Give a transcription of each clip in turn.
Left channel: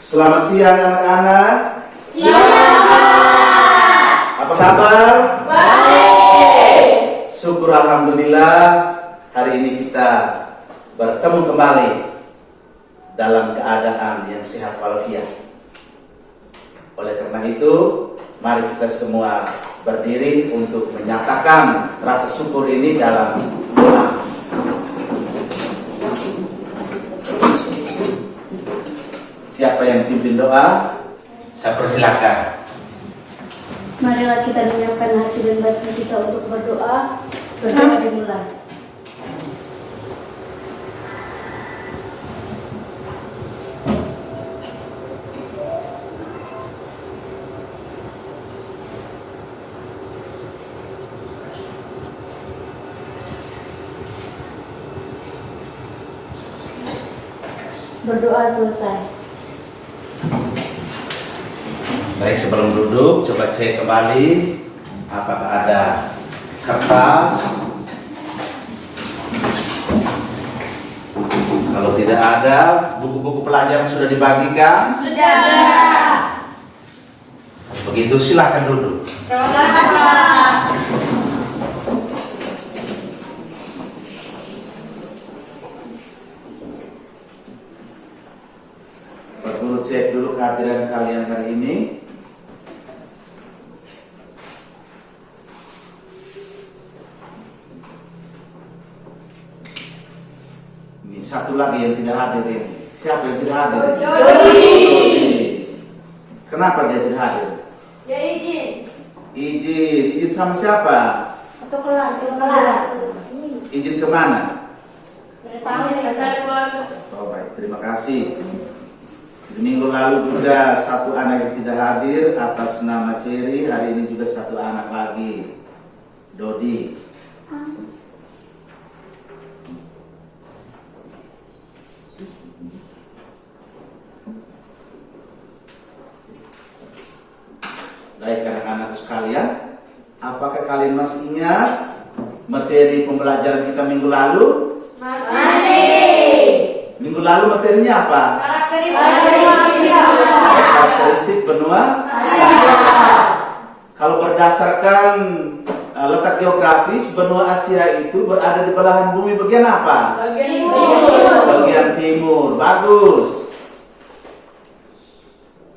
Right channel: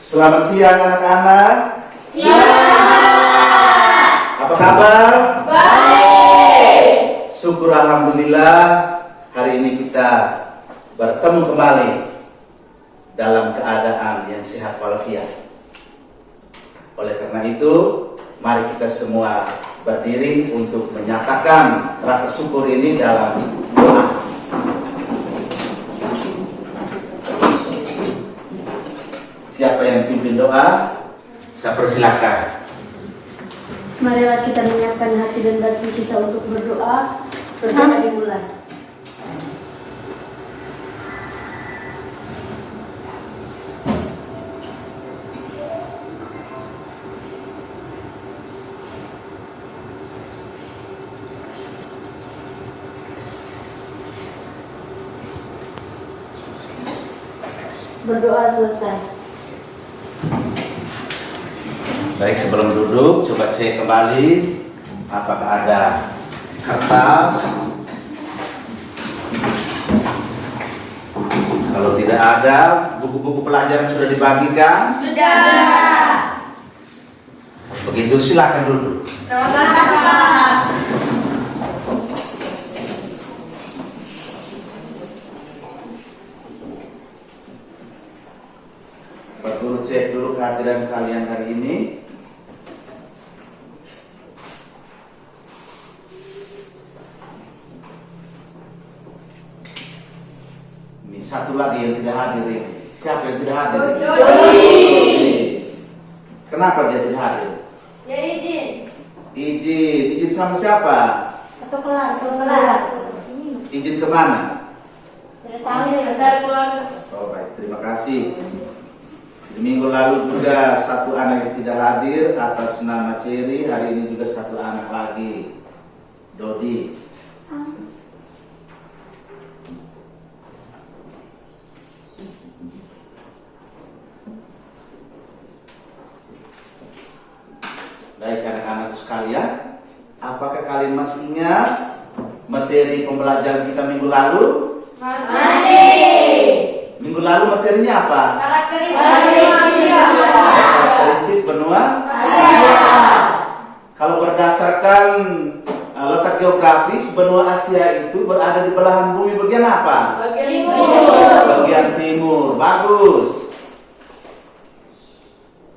Selamat siang anak-anak. Siang. Apa kabar? Baik. Syukur alhamdulillah hari ini kita bertemu kembali dalam keadaan yang sehat walafiat. Oleh karena itu, mari kita semua berdiri untuk menyatakan rasa syukur ini dalam doa. Siapa yang pimpin doa? Saya persilakan. Marilah kita menyiapkan hati dan batin kita untuk berdoa. Berdoa dimulai. Berdoa selesai. Baik, sebelum duduk, coba cek kembali apakah ada kertas. Kalau tidak ada, buku-buku pelajaran sudah dibagikan. Sudah. Begitu, silakan duduk. Terima kasih, Pak. Perlu cek dulu kehadiran kalian hari ini. Ini satu lagi yang tidak hadir ini. Siapa yang tidak hadir? Dodi. Kenapa dia tidak hadir? Ya izin. Izin sama siapa? Atau kelas. Izin kemana? Keluarga. Oh baik, terima kasih. Minggu lalu juga satu anak yang tidak hadir atas nama Cherry. Hari ini juga satu anak lagi, Dodi. Baik anak-anak sekalian, apakah kalian masih ingat materi pembelajaran kita minggu lalu? Masih. Minggu lalu materinya apa? Karakteristik benua Asia. Kalau berdasarkan letak geografis, benua Asia itu berada di belahan bumi bagian apa? Bagian timur. Bagus.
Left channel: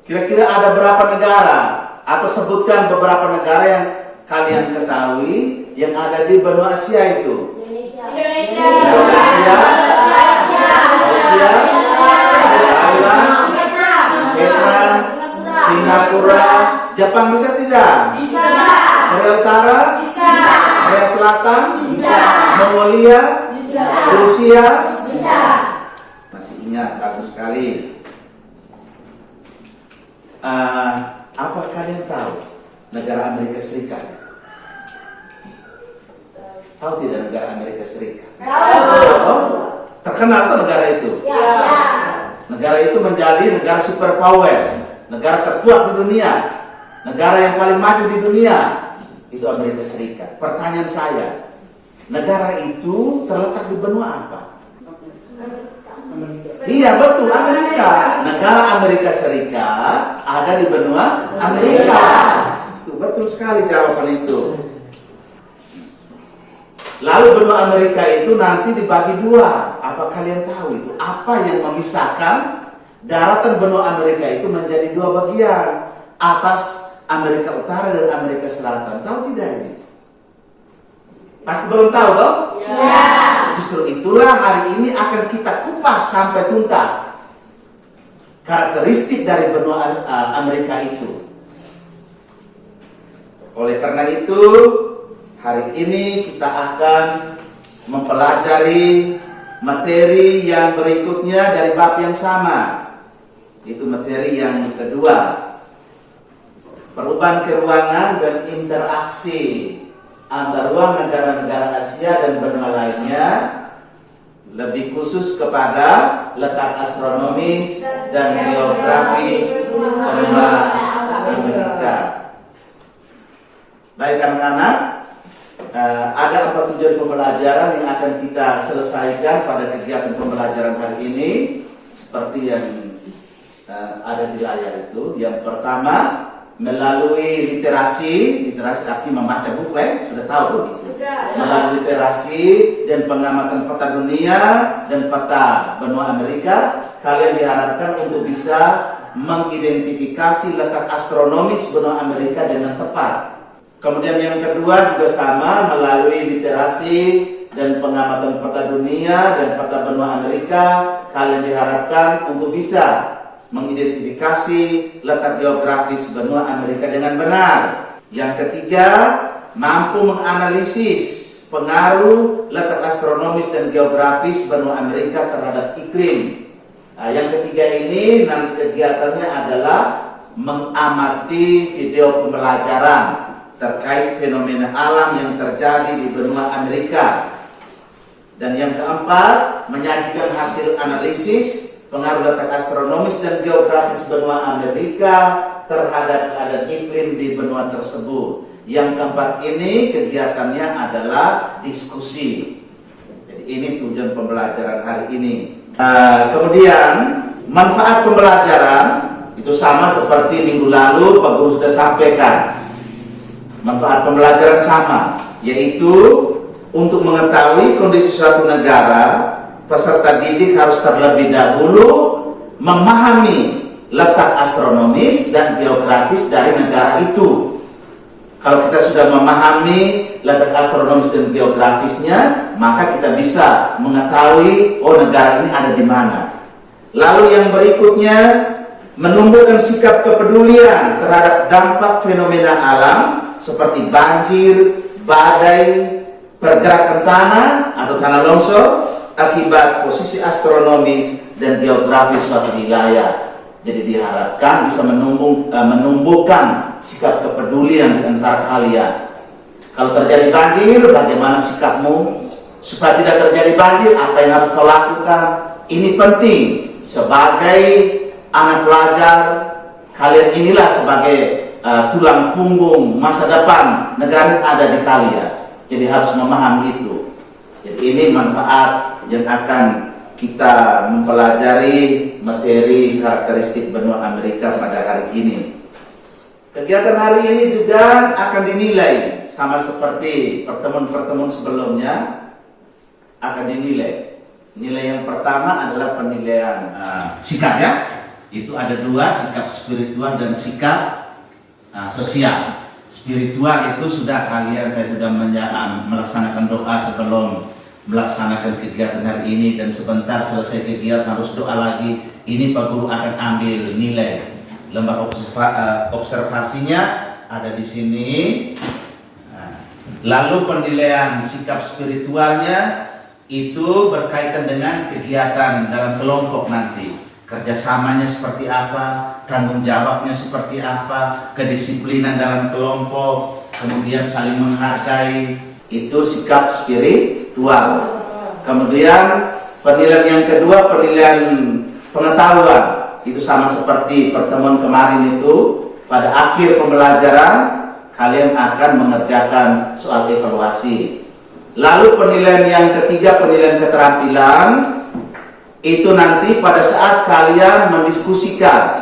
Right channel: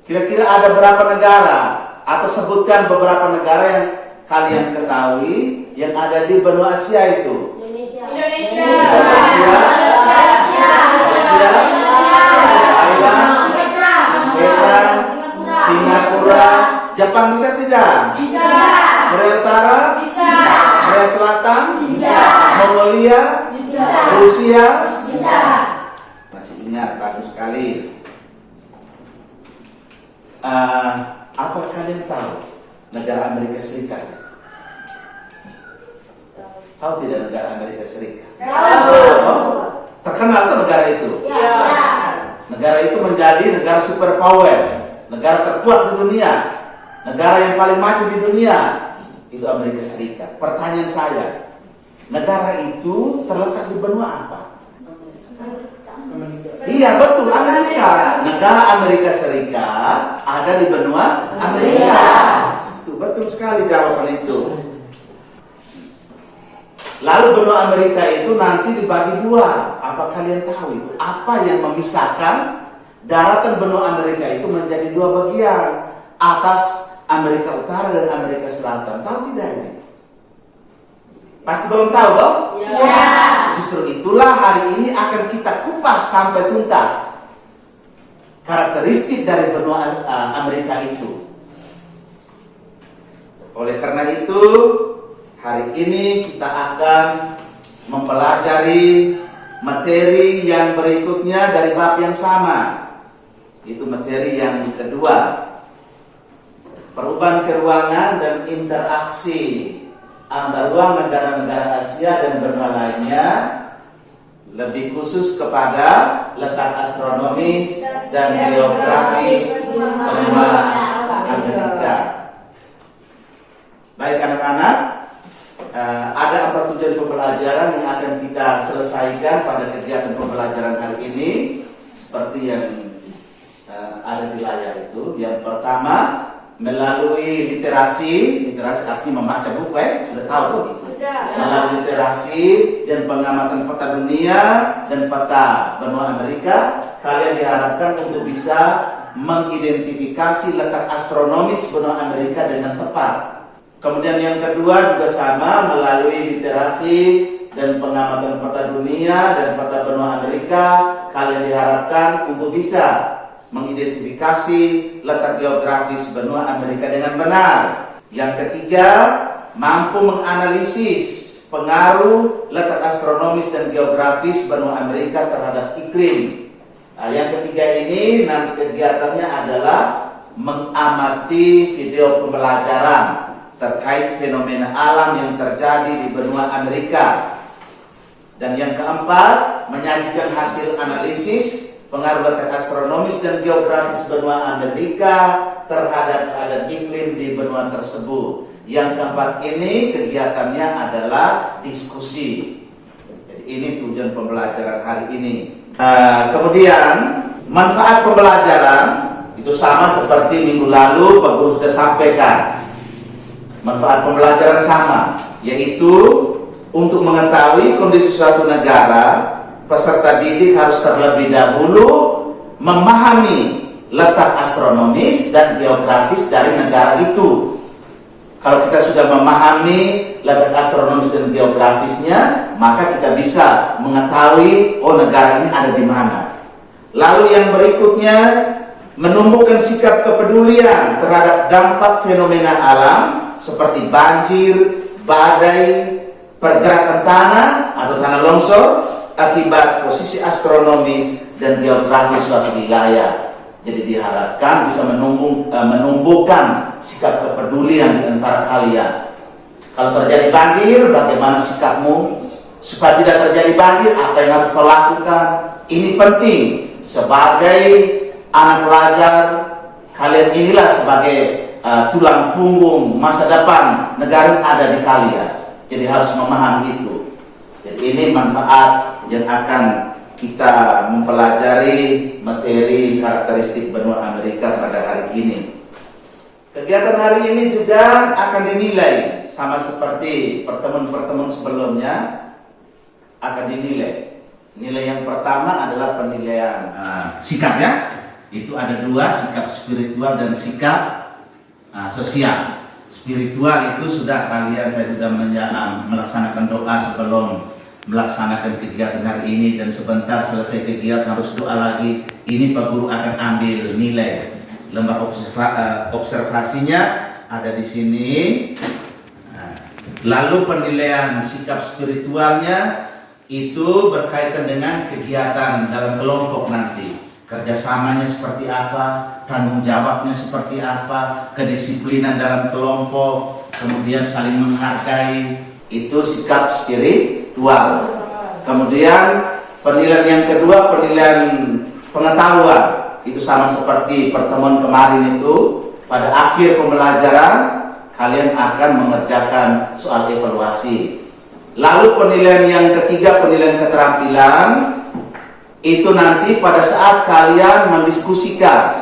Kira-kira ada berapa negara? Atau sebutkan beberapa negara yang kalian ketahui yang ada di benua Asia itu. Indonesia. Malaysia, Thailand, Vietnam, Singapura, Jepang bisa tidak? Bisa. Korea Utara? Bisa. Korea Selatan? Bisa. Mongolia? Bisa. Rusia? Bisa. Masih ingat, bagus sekali. Apa kalian tahu negara Amerika Serikat? Tahu tidak negara Amerika Serikat? Oh, terkenal tuh negara itu. Negara itu menjadi negara superpower, negara terkuat di dunia, negara yang paling maju di dunia. Itu Amerika Serikat. Pertanyaan saya, negara itu terletak di benua apa? Iya betul, Amerika. Negara Amerika Serikat ada di benua Amerika. Itu betul sekali jawaban itu. Lalu benua Amerika itu nanti dibagi dua. Apa kalian tahu itu? Apa yang memisahkan daratan benua Amerika itu menjadi dua bagian? Atas Amerika Utara dan Amerika Selatan. Tahu tidak ini? Pasti belum tahu toh? Ya. Justru itulah hari ini akan kita kupas sampai tuntas karakteristik dari benua Amerika itu. Oleh karena itu, hari ini kita akan mempelajari materi yang berikutnya dari bab yang sama. Itu materi yang kedua. Perubahan keruangan dan interaksi antara ruang negara-negara Asia dan benua lainnya, lebih khusus kepada letak astronomis dan geografis benua Amerika. Baik anak-anak, ada apa tujuan pembelajaran yang akan kita selesaikan pada kegiatan pembelajaran hari ini? Seperti yang ada di layar itu. Yang pertama melalui literasi artinya membaca buku, sudah tahu begitu. Melalui literasi dan pengamatan peta dunia dan peta benua Amerika, kalian diharapkan untuk bisa mengidentifikasi letak astronomis benua Amerika dengan tepat. Kemudian yang kedua juga sama, melalui literasi dan pengamatan peta dunia dan peta benua Amerika, kalian diharapkan untuk bisa mengidentifikasi letak geografis benua Amerika dengan benar. Yang ketiga, mampu menganalisis pengaruh letak astronomis dan geografis benua Amerika terhadap iklim. Yang ketiga ini nanti kegiatannya adalah mengamati video pembelajaran terkait fenomena alam yang terjadi di benua Amerika. Dan yang keempat, menyajikan hasil analisis pengaruh letak astronomis dan geografis benua Amerika terhadap keadaan iklim di benua tersebut. Yang keempat ini kegiatannya adalah diskusi. Jadi ini tujuan pembelajaran hari ini. Kemudian manfaat pembelajaran itu sama seperti minggu lalu Pak Guru sudah sampaikan. Manfaat pembelajaran sama, yaitu untuk mengetahui kondisi suatu negara, peserta didik harus terlebih dahulu memahami letak astronomis dan geografis dari negara itu. Kalau kita sudah memahami letak astronomis dan geografisnya, maka kita bisa mengetahui, oh negara ini ada di mana. Lalu yang berikutnya, menumbuhkan sikap kepedulian terhadap dampak fenomena alam seperti banjir, badai, pergerakan tanah atau tanah longsor akibat posisi astronomis dan geografis suatu wilayah. Jadi diharapkan bisa menumbuhkan sikap kepedulian di antara kalian. Kalau terjadi banjir, bagaimana sikapmu? Supaya tidak terjadi banjir, apa yang harus kau lakukan? Ini penting. Sebagai anak pelajar, kalian inilah sebagai tulang punggung masa depan negara yang ada di kalian. Jadi harus memahami itu. Jadi ini manfaat yang akan kita mempelajari materi karakteristik benua Amerika pada hari ini. Kegiatan hari ini juga akan dinilai sama seperti pertemuan-pertemuan sebelumnya, akan dinilai. Nilai yang pertama adalah penilaian sikap ya. Itu ada dua, sikap spiritual dan sikap sosial. Spiritual itu sudah kalian, saya sudah melaksanakan doa sebelum melaksanakan kegiatan hari ini, dan sebentar selesai kegiatan harus doa lagi. Ini Pak Guru akan ambil nilai. Lembar observasinya ada di sini. Lalu penilaian sikap spiritualnya itu berkaitan dengan kegiatan dalam kelompok nanti. Kerjasamanya seperti apa, tanggung jawabnya seperti apa, kedisiplinan dalam kelompok, kemudian saling menghargai, itu sikap spiritual. Kemudian penilaian yang kedua, penilaian pengetahuan, itu sama seperti pertemuan kemarin itu. Pada akhir pembelajaran kalian akan mengerjakan soal evaluasi. Lalu penilaian yang ketiga, penilaian keterampilan, itu nanti pada saat kalian mendiskusikan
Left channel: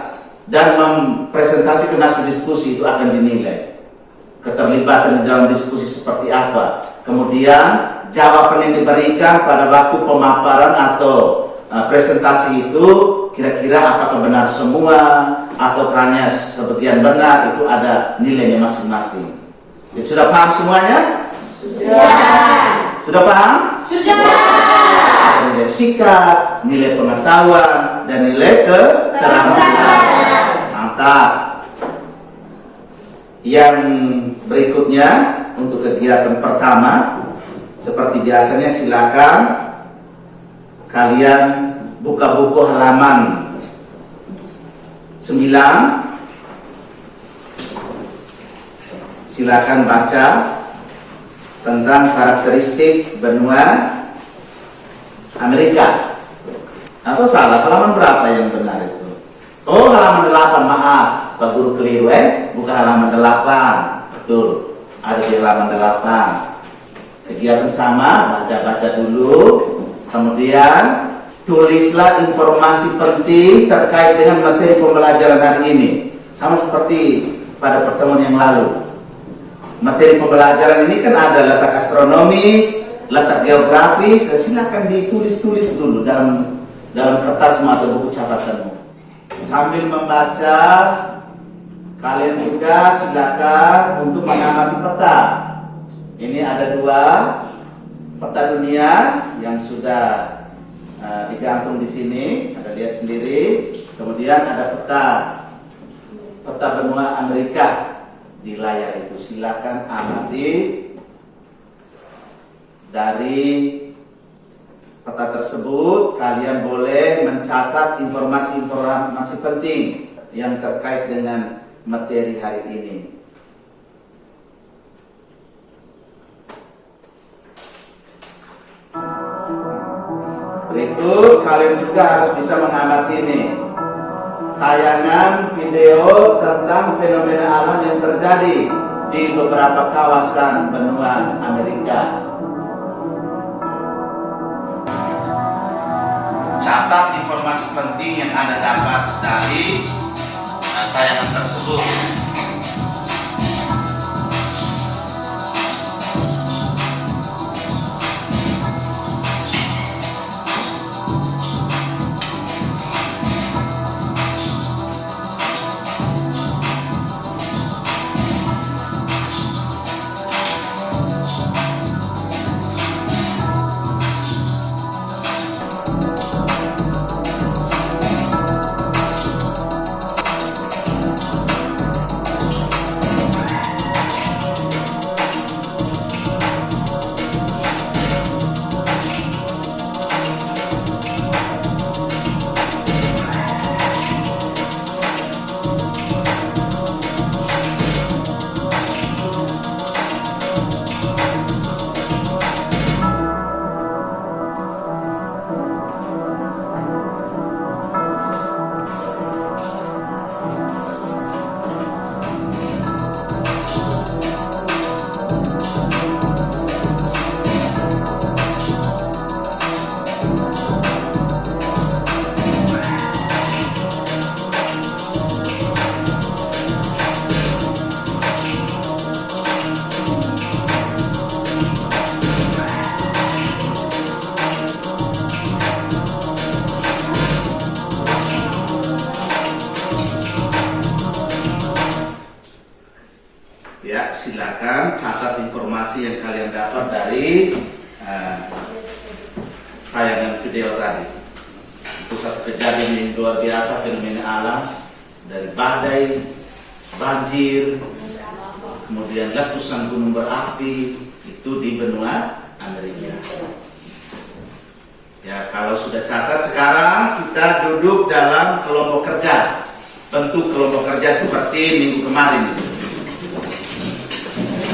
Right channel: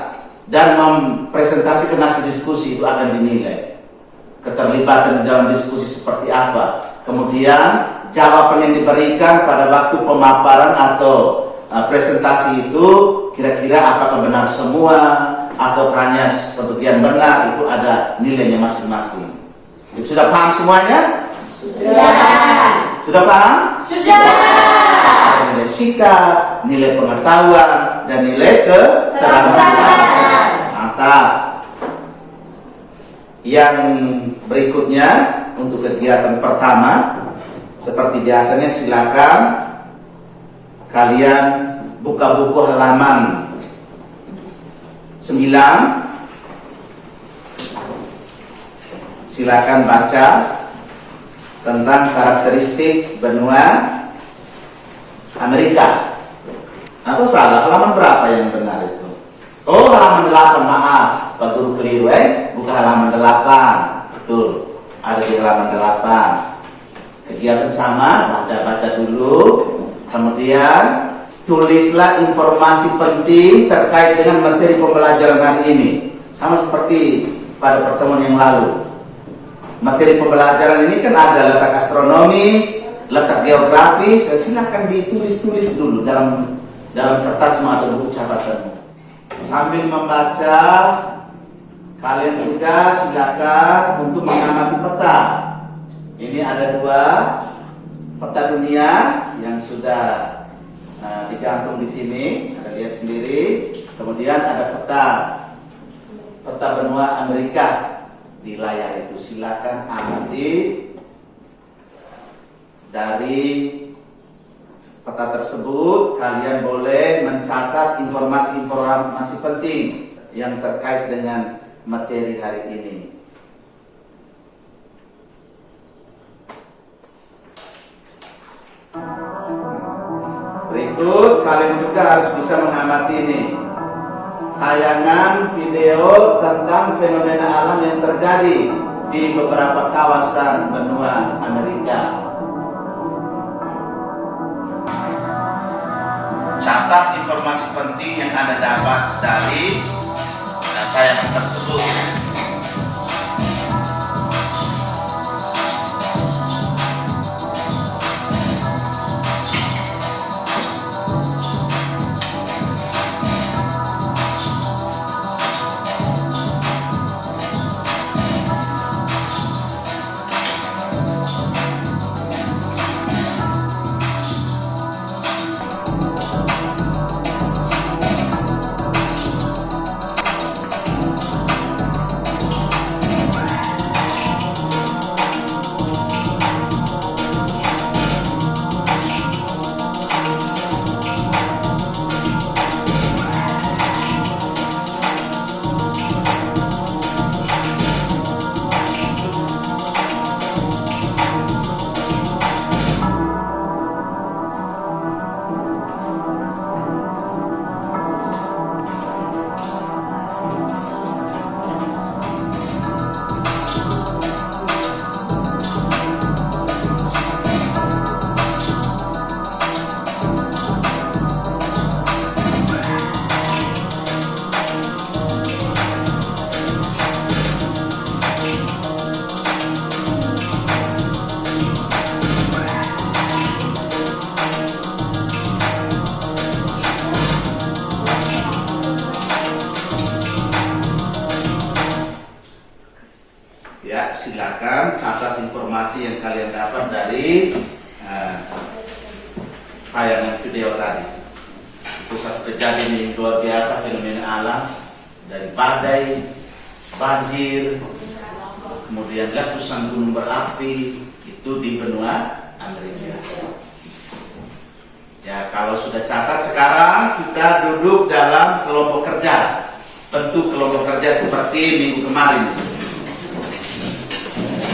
dan mempresentasikan hasil diskusi itu akan dinilai. Keterlibatan dalam diskusi seperti apa. Kemudian jawaban yang diberikan pada waktu pemaparan atau presentasi itu kira-kira apakah benar semua atau hanya sebagian benar, itu ada nilainya masing-masing. Jadi, sudah paham semuanya? Sudah paham? Sudah. Nilai sikap, nilai pengetahuan, dan nilai keterampilan. Mantap. Yang berikutnya untuk kegiatan pertama, seperti biasanya silakan kalian buka buku halaman 9. Silakan baca tentang karakteristik benua Amerika. Atau salah, halaman berapa yang benar itu? Oh, halaman 8, maaf, Pak Guru keliru buka halaman 8. Betul, ada di halaman 8. Kegiatan sama, baca-baca dulu, kemudian tulislah informasi penting terkait dengan materi pembelajaran hari ini. Sama seperti pada pertemuan yang lalu. Materi pembelajaran ini kan ada letak astronomis, letak geografis. Silakan ditulis-tulis dulu dalam kertasmu atau buku catatanmu. Sambil membaca, kalian juga silakan untuk mengamati peta. Ini ada 2 peta dunia yang sudah digantung di sini. Anda lihat sendiri. Kemudian ada peta benua Amerika di layar itu. Silakan amati dari peta tersebut. Kalian boleh mencatat informasi penting yang terkait dengan materi hari ini. Berikut kalian juga harus bisa mengamati ini tayangan video tentang fenomena alam yang terjadi di beberapa kawasan benua Amerika. Catat informasi penting yang Anda dapat dari tayangan tersebut. Ya, silakan catat informasi yang kalian dapat dari tayangan video tadi. Itu satu kejadian yang luar biasa, fenomena alam dari badai, banjir, kemudian letusan gunung berapi itu di benua Amerika. Ya, kalau sudah catat, sekarang kita duduk dalam kelompok kerja. Bentuk kelompok kerja seperti minggu kemarin.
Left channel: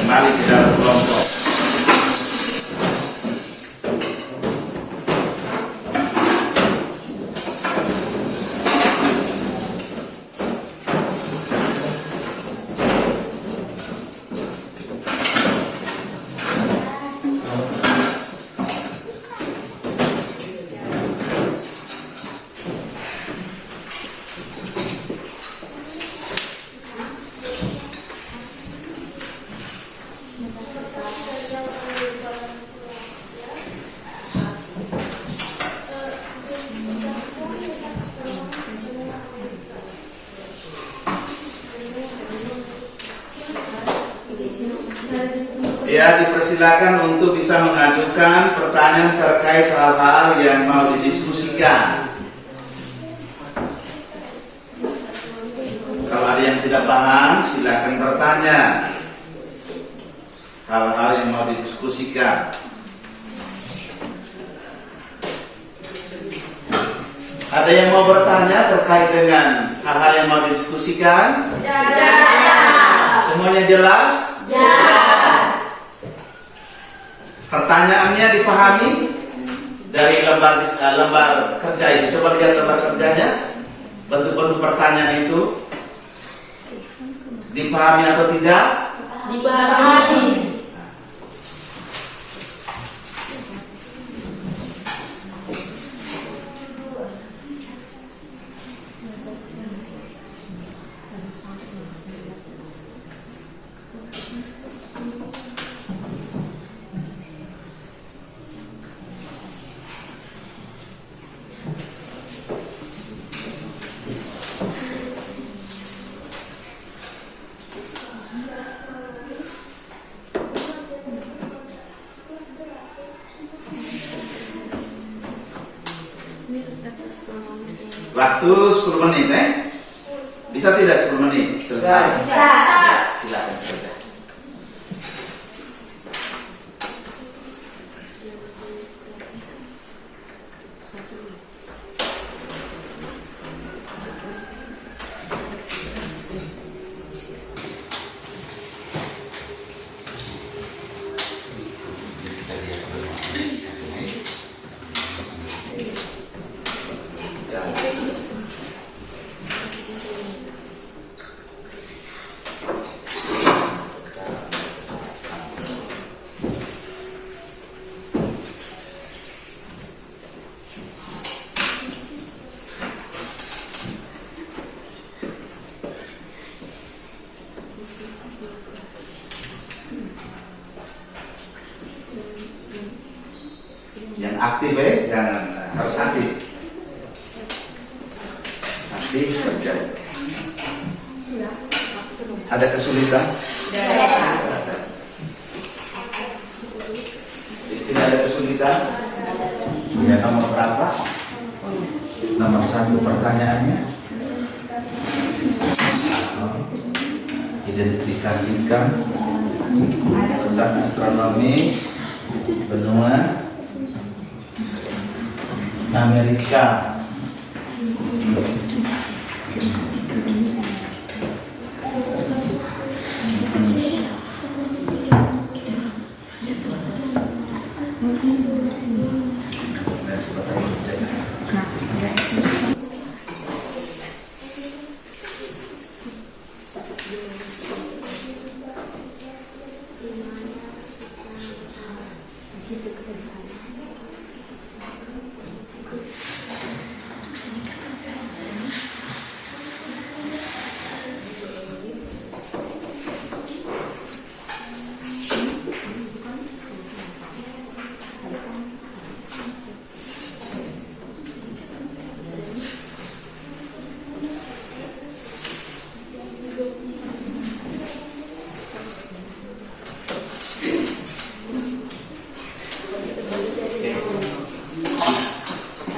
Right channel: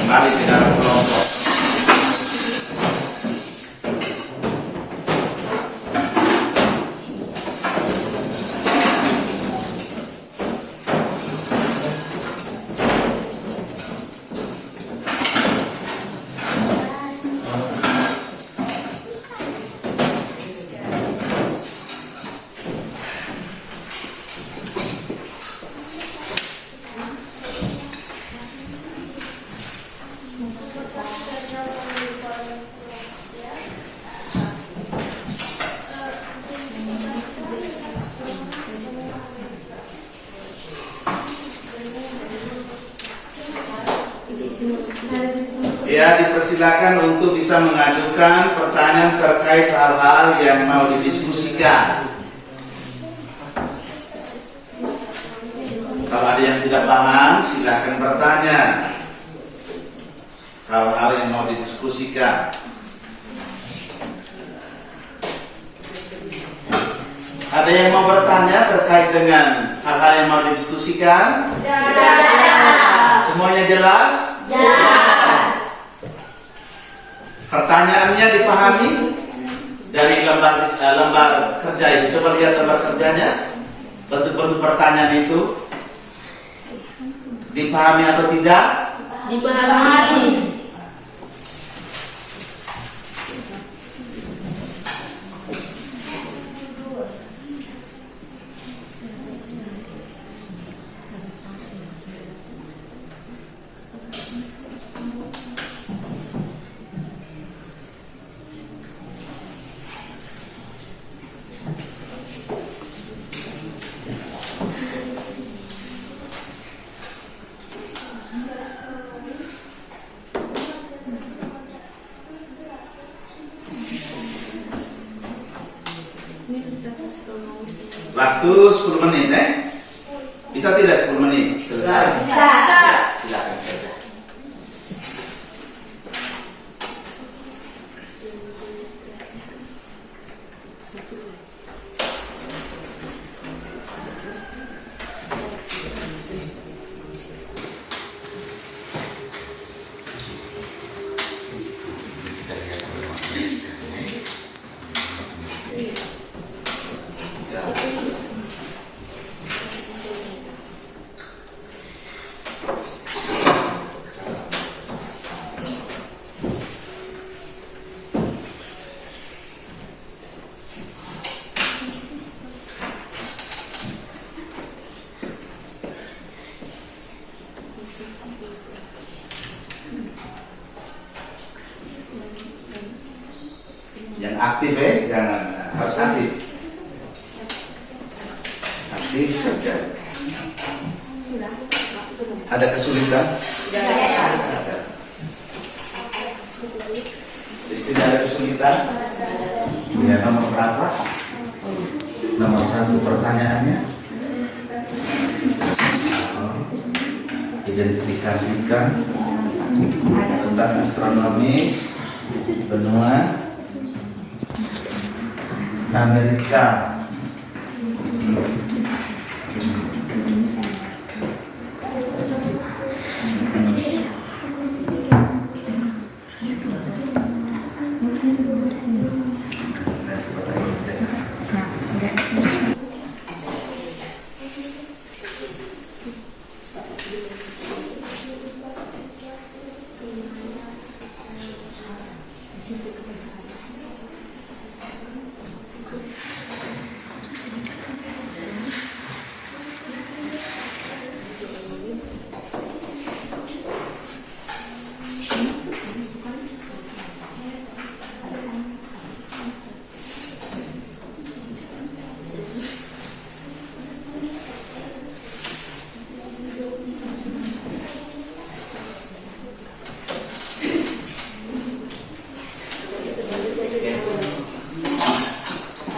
Kembali ke dalam kelompok. Ya, dipersilakan untuk bisa mengajukan pertanyaan terkait hal-hal yang mau didiskusikan. Kalau ada yang tidak paham, silakan bertanya. Hal-hal yang mau didiskusikan. Ada yang mau bertanya terkait dengan hal-hal yang mau didiskusikan? Semuanya jelas? Jelas. Pertanyaannya dipahami dari lembar kerja itu. Coba lihat lembar kerjanya. Bentuk-bentuk pertanyaan itu dipahami atau tidak? Dipahami. Waktu 10 menit, Bisa tidak 10 menit? Selesai. Silakan saja. Yang aktif jangan harus aktif. Aktif kerja. Ada kesulitan? Ada. Di sini ada kesulitan? Ya, nomor berapa? Nomor 1 pertanyaannya. Identifikasikan tentang astronomis benua Amerika.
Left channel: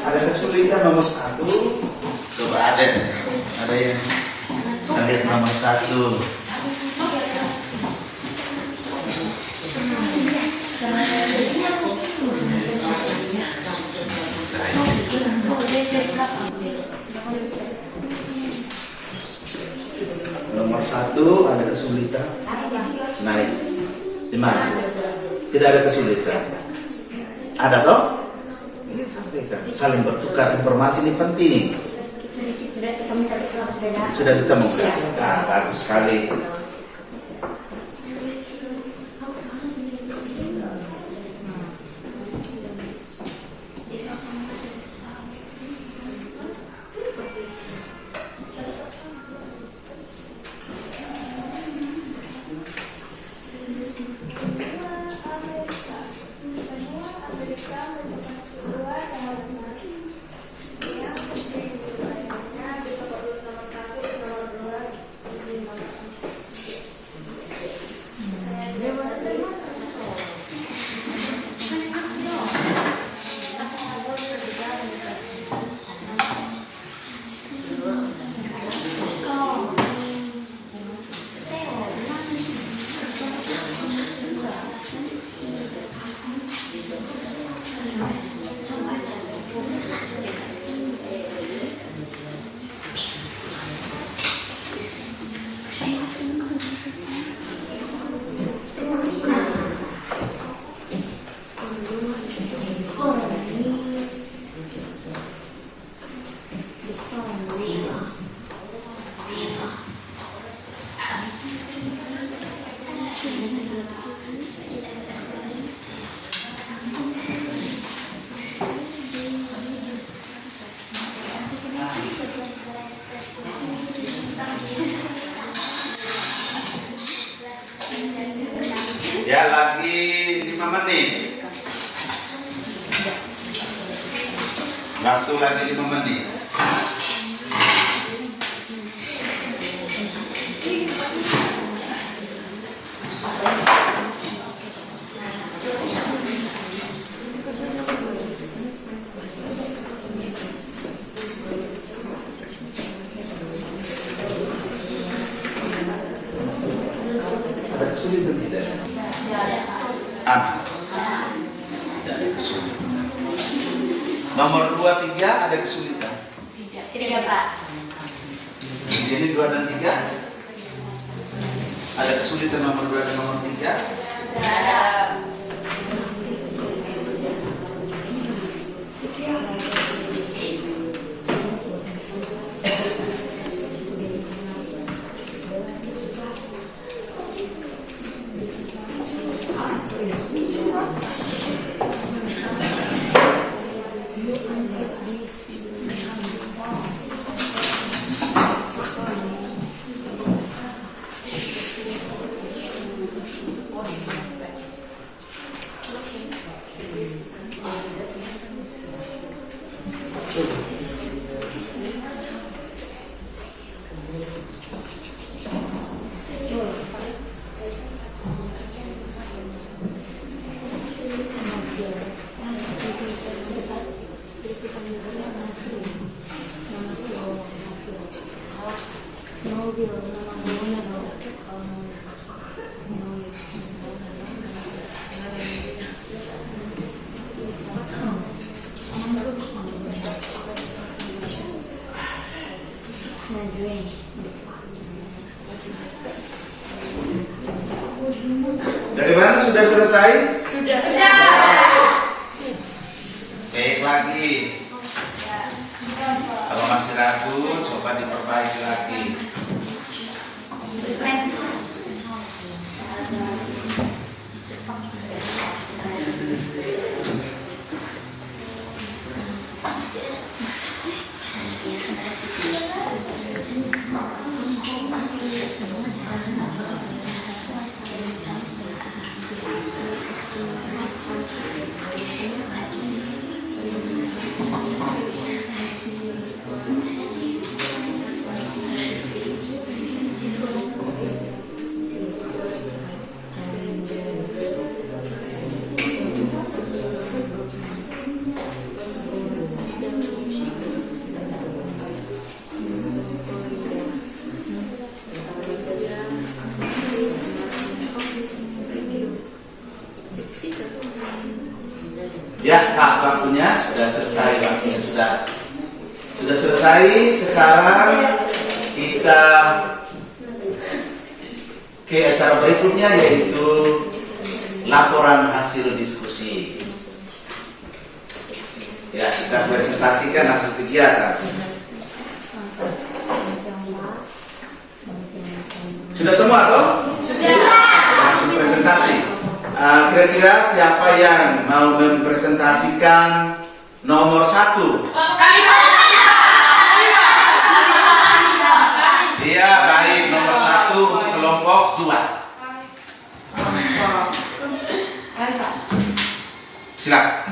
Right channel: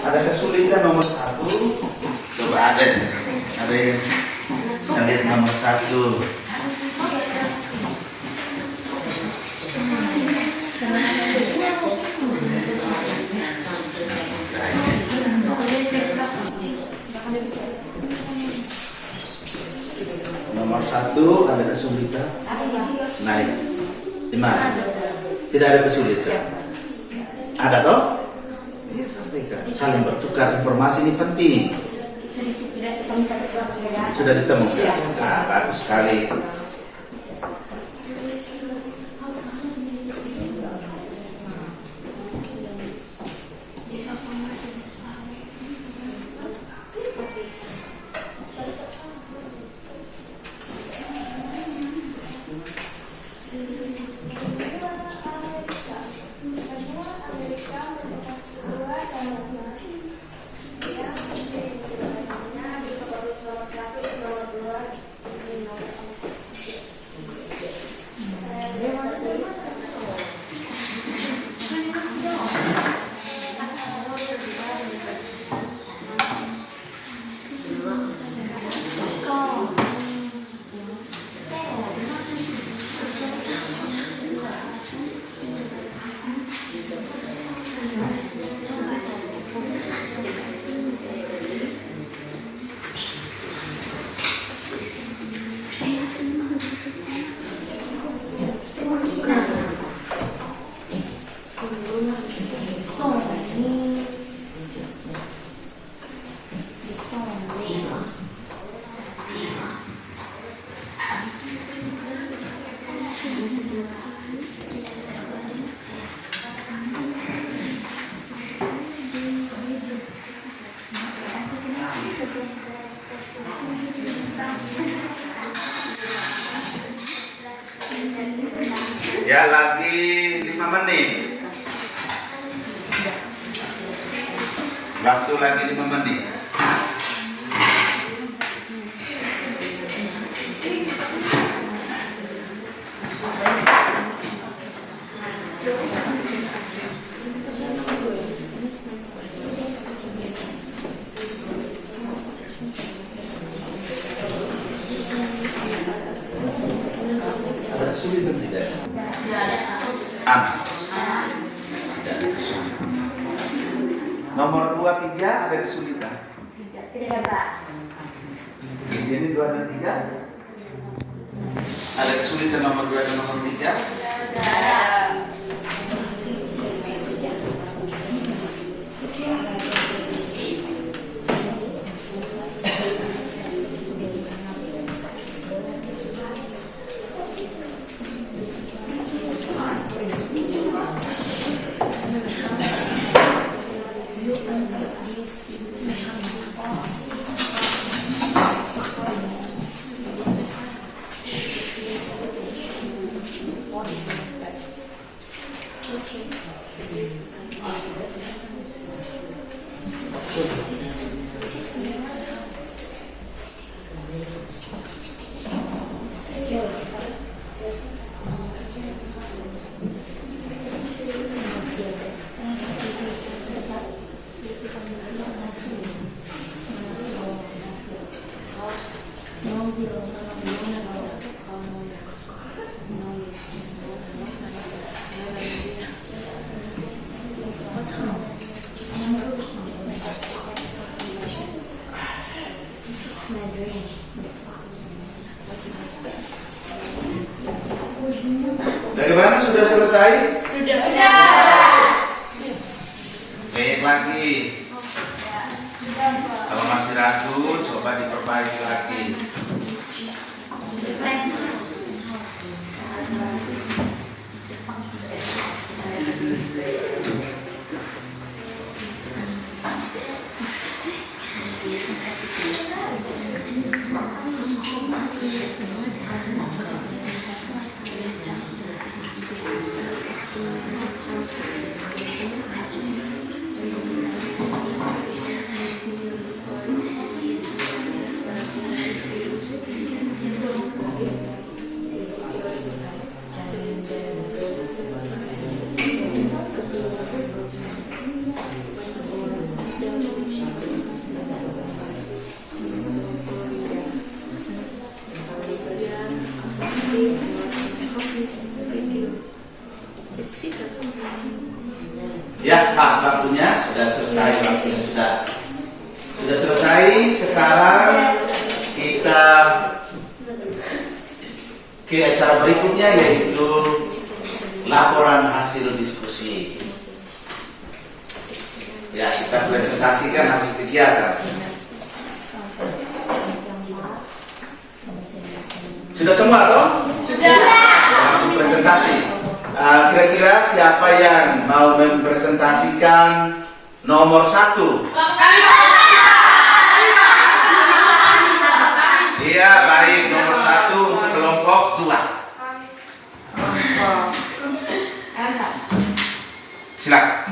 Ada kesulitan nomor 1. Coba ada yang saya lihat nomor 1. Nomor 1 ada kesulitan. Naik. Di mana? Tidak ada kesulitan. Ada toh? Ini sampaikan. Saling bertukar informasi ini penting. Sudah ditemukan. Nah, bagus sekali. Ya, lagi 5 menit. Waktu lagi 5 menit. Nomor 2, 3 ada kesulitan. Tidak, Pak. Di sini 2 dan 3 ada kesulitan nomor 2 dan nomor 3. Tidak ada. Dari mana sudah selesai? Sudah. Cek lagi. Kalau masih ragu, coba diperbaiki lagi. Ya, pas waktunya sudah selesai, waktunya sudah selesai. Sekarang kita ke acara berikutnya, yaitu laporan hasil diskusi. Ya, kita presentasikan hasil kegiatan. Sudah semua toh? Langsung presentasi. Kira-kira siapa yang mau mempresentasikan nomor 1? Iya, baik. Nomor 1 untuk kelompok 2. Silakan.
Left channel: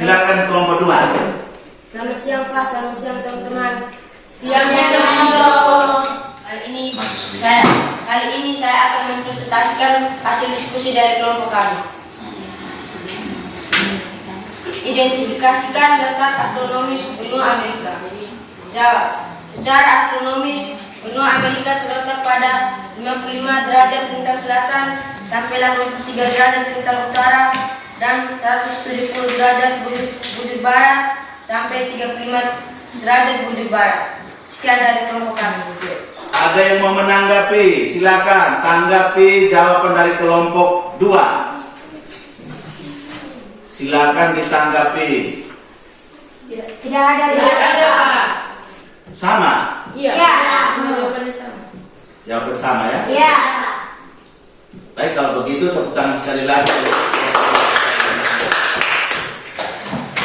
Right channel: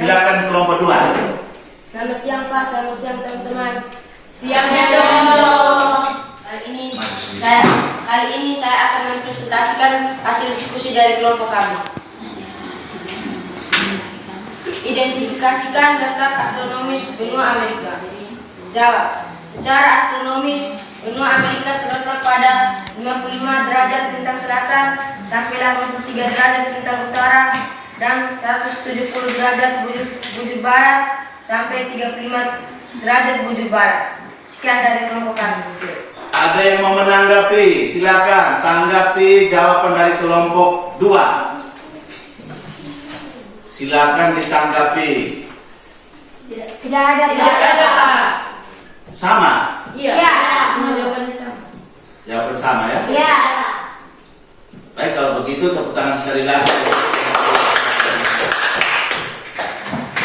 Silakan kelompok 2. Selamat siang Pak, selamat siang teman-teman. Siang. Kali ini saya akan mempresentasikan hasil diskusi dari kelompok kami. Identifikasikan letak astronomis benua Amerika. Jawab. Secara astronomis, benua Amerika terletak pada 55 derajat bintang selatan sampai 83 derajat bintang utara dan 170 derajat bujur barat sampai 35 derajat bujur barat. Sekian dari kelompok kami. Ada yang mau menanggapi? Silakan tanggapi jawaban dari kelompok 2. Silakan ditanggapi. Tidak ada. Sama? Iya. Semua jawabannya sama. Jawaban sama ya? Iya. Baik, kalau begitu tepuk tangan sekali lagi.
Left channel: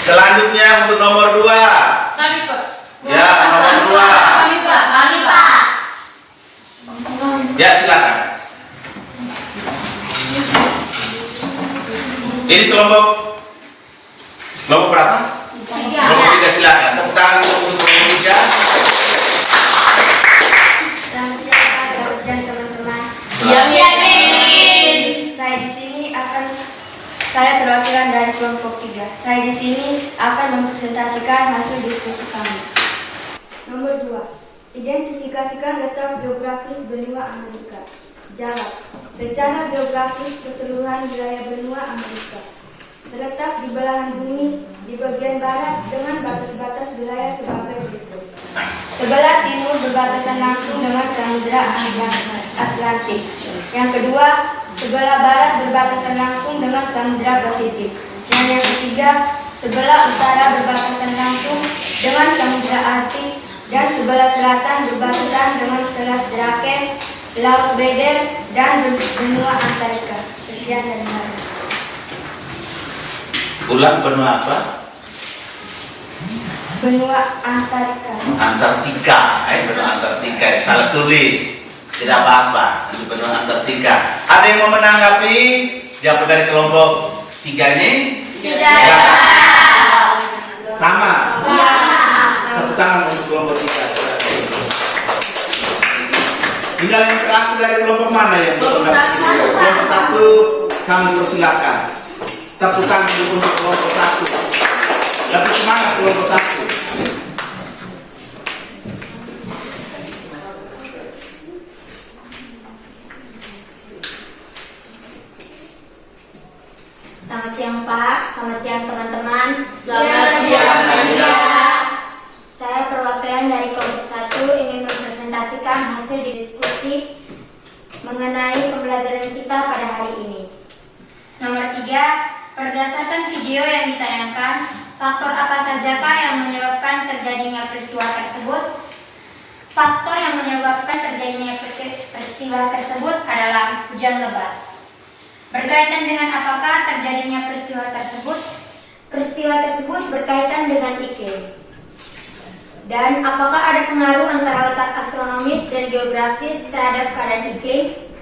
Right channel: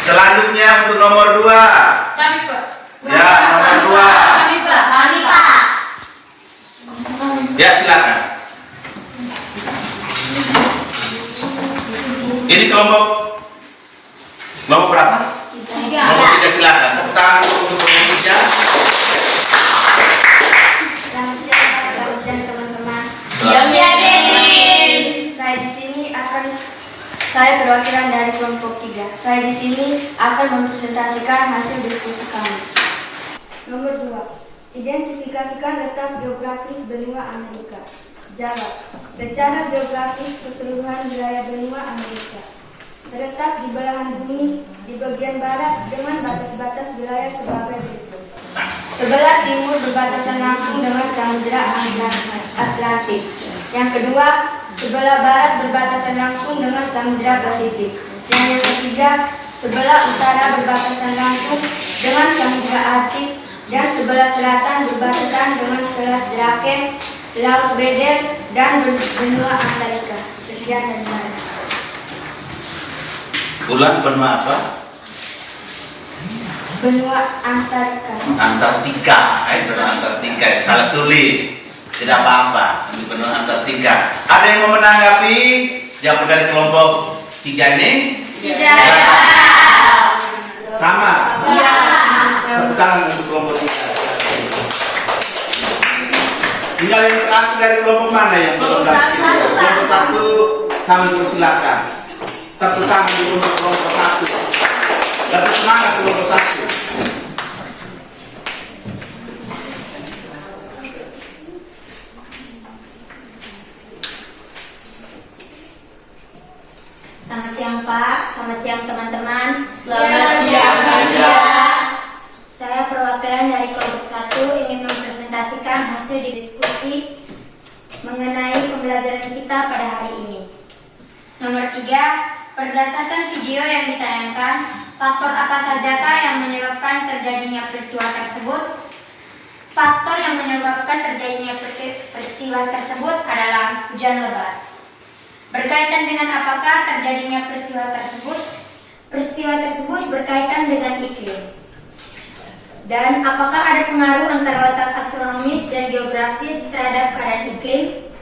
Selanjutnya untuk nomor 2. Kami, Pak. Ya, nomor 2. Kami, Pak. Ya, silakan. Ini kelompok berapa? 3. Kelompok 3, silakan. Tepuk tangan untuk kelompok 3. Selamat siang teman-teman. Siang. Saya perwakilan dari kelompok 3. Saya di sini akan mempresentasikan hasil diskusi kami. Nomor 2. Identifikasikan letak geografis benua Amerika. Jawab. Secara geografis keseluruhan wilayah benua Amerika terletak di belahan bumi di bagian barat dengan batas-batas wilayah sebagai berikut. Sebelah timur berbatasan langsung dengan Samudra Atlantik. Yang kedua, sebelah barat berbatasan langsung dengan Samudra Pasifik. Dan yang ketiga, sebelah utara berbatasan langsung dengan Samudra Arktik. Dan sebelah selatan berbatasan dengan Selat Drake, Laut Weddell, dan benua Antartika. Sekian dan terima kasih. Ulang, benua apa? Benua Antartika. Antartika, benua Antartika. Salah tulis. Tidak apa-apa. Ini benua Antartika. Ada yang mau menanggapi jawaban dari kelompok 3 ini? Tidak. Sama. Tepuk tangan untuk kelompok 3. Tinggal yang terakhir dari kelompok mana yang belum dapat? Kelompok 1 kami persilakan. Tepuk tangan untuk kelompok 1. Lebih semangat kelompok 1. Selamat siang Pak, selamat siang teman-teman. Selamat siang, Mbak. Saya perwakilan dari kelompok 1 ingin mempresentasikan hasil diskusi mengenai pembelajaran kita pada hari ini. Nomor 3, berdasarkan video yang ditayangkan, faktor apa sajakah yang menyebabkan terjadinya peristiwa tersebut? Faktor yang menyebabkan terjadinya peristiwa tersebut adalah hujan lebat. Berkaitan dengan apakah terjadinya peristiwa tersebut? Peristiwa tersebut berkaitan dengan iklim. Dan apakah ada pengaruh antara letak astronomis dan geografis terhadap keadaan iklim?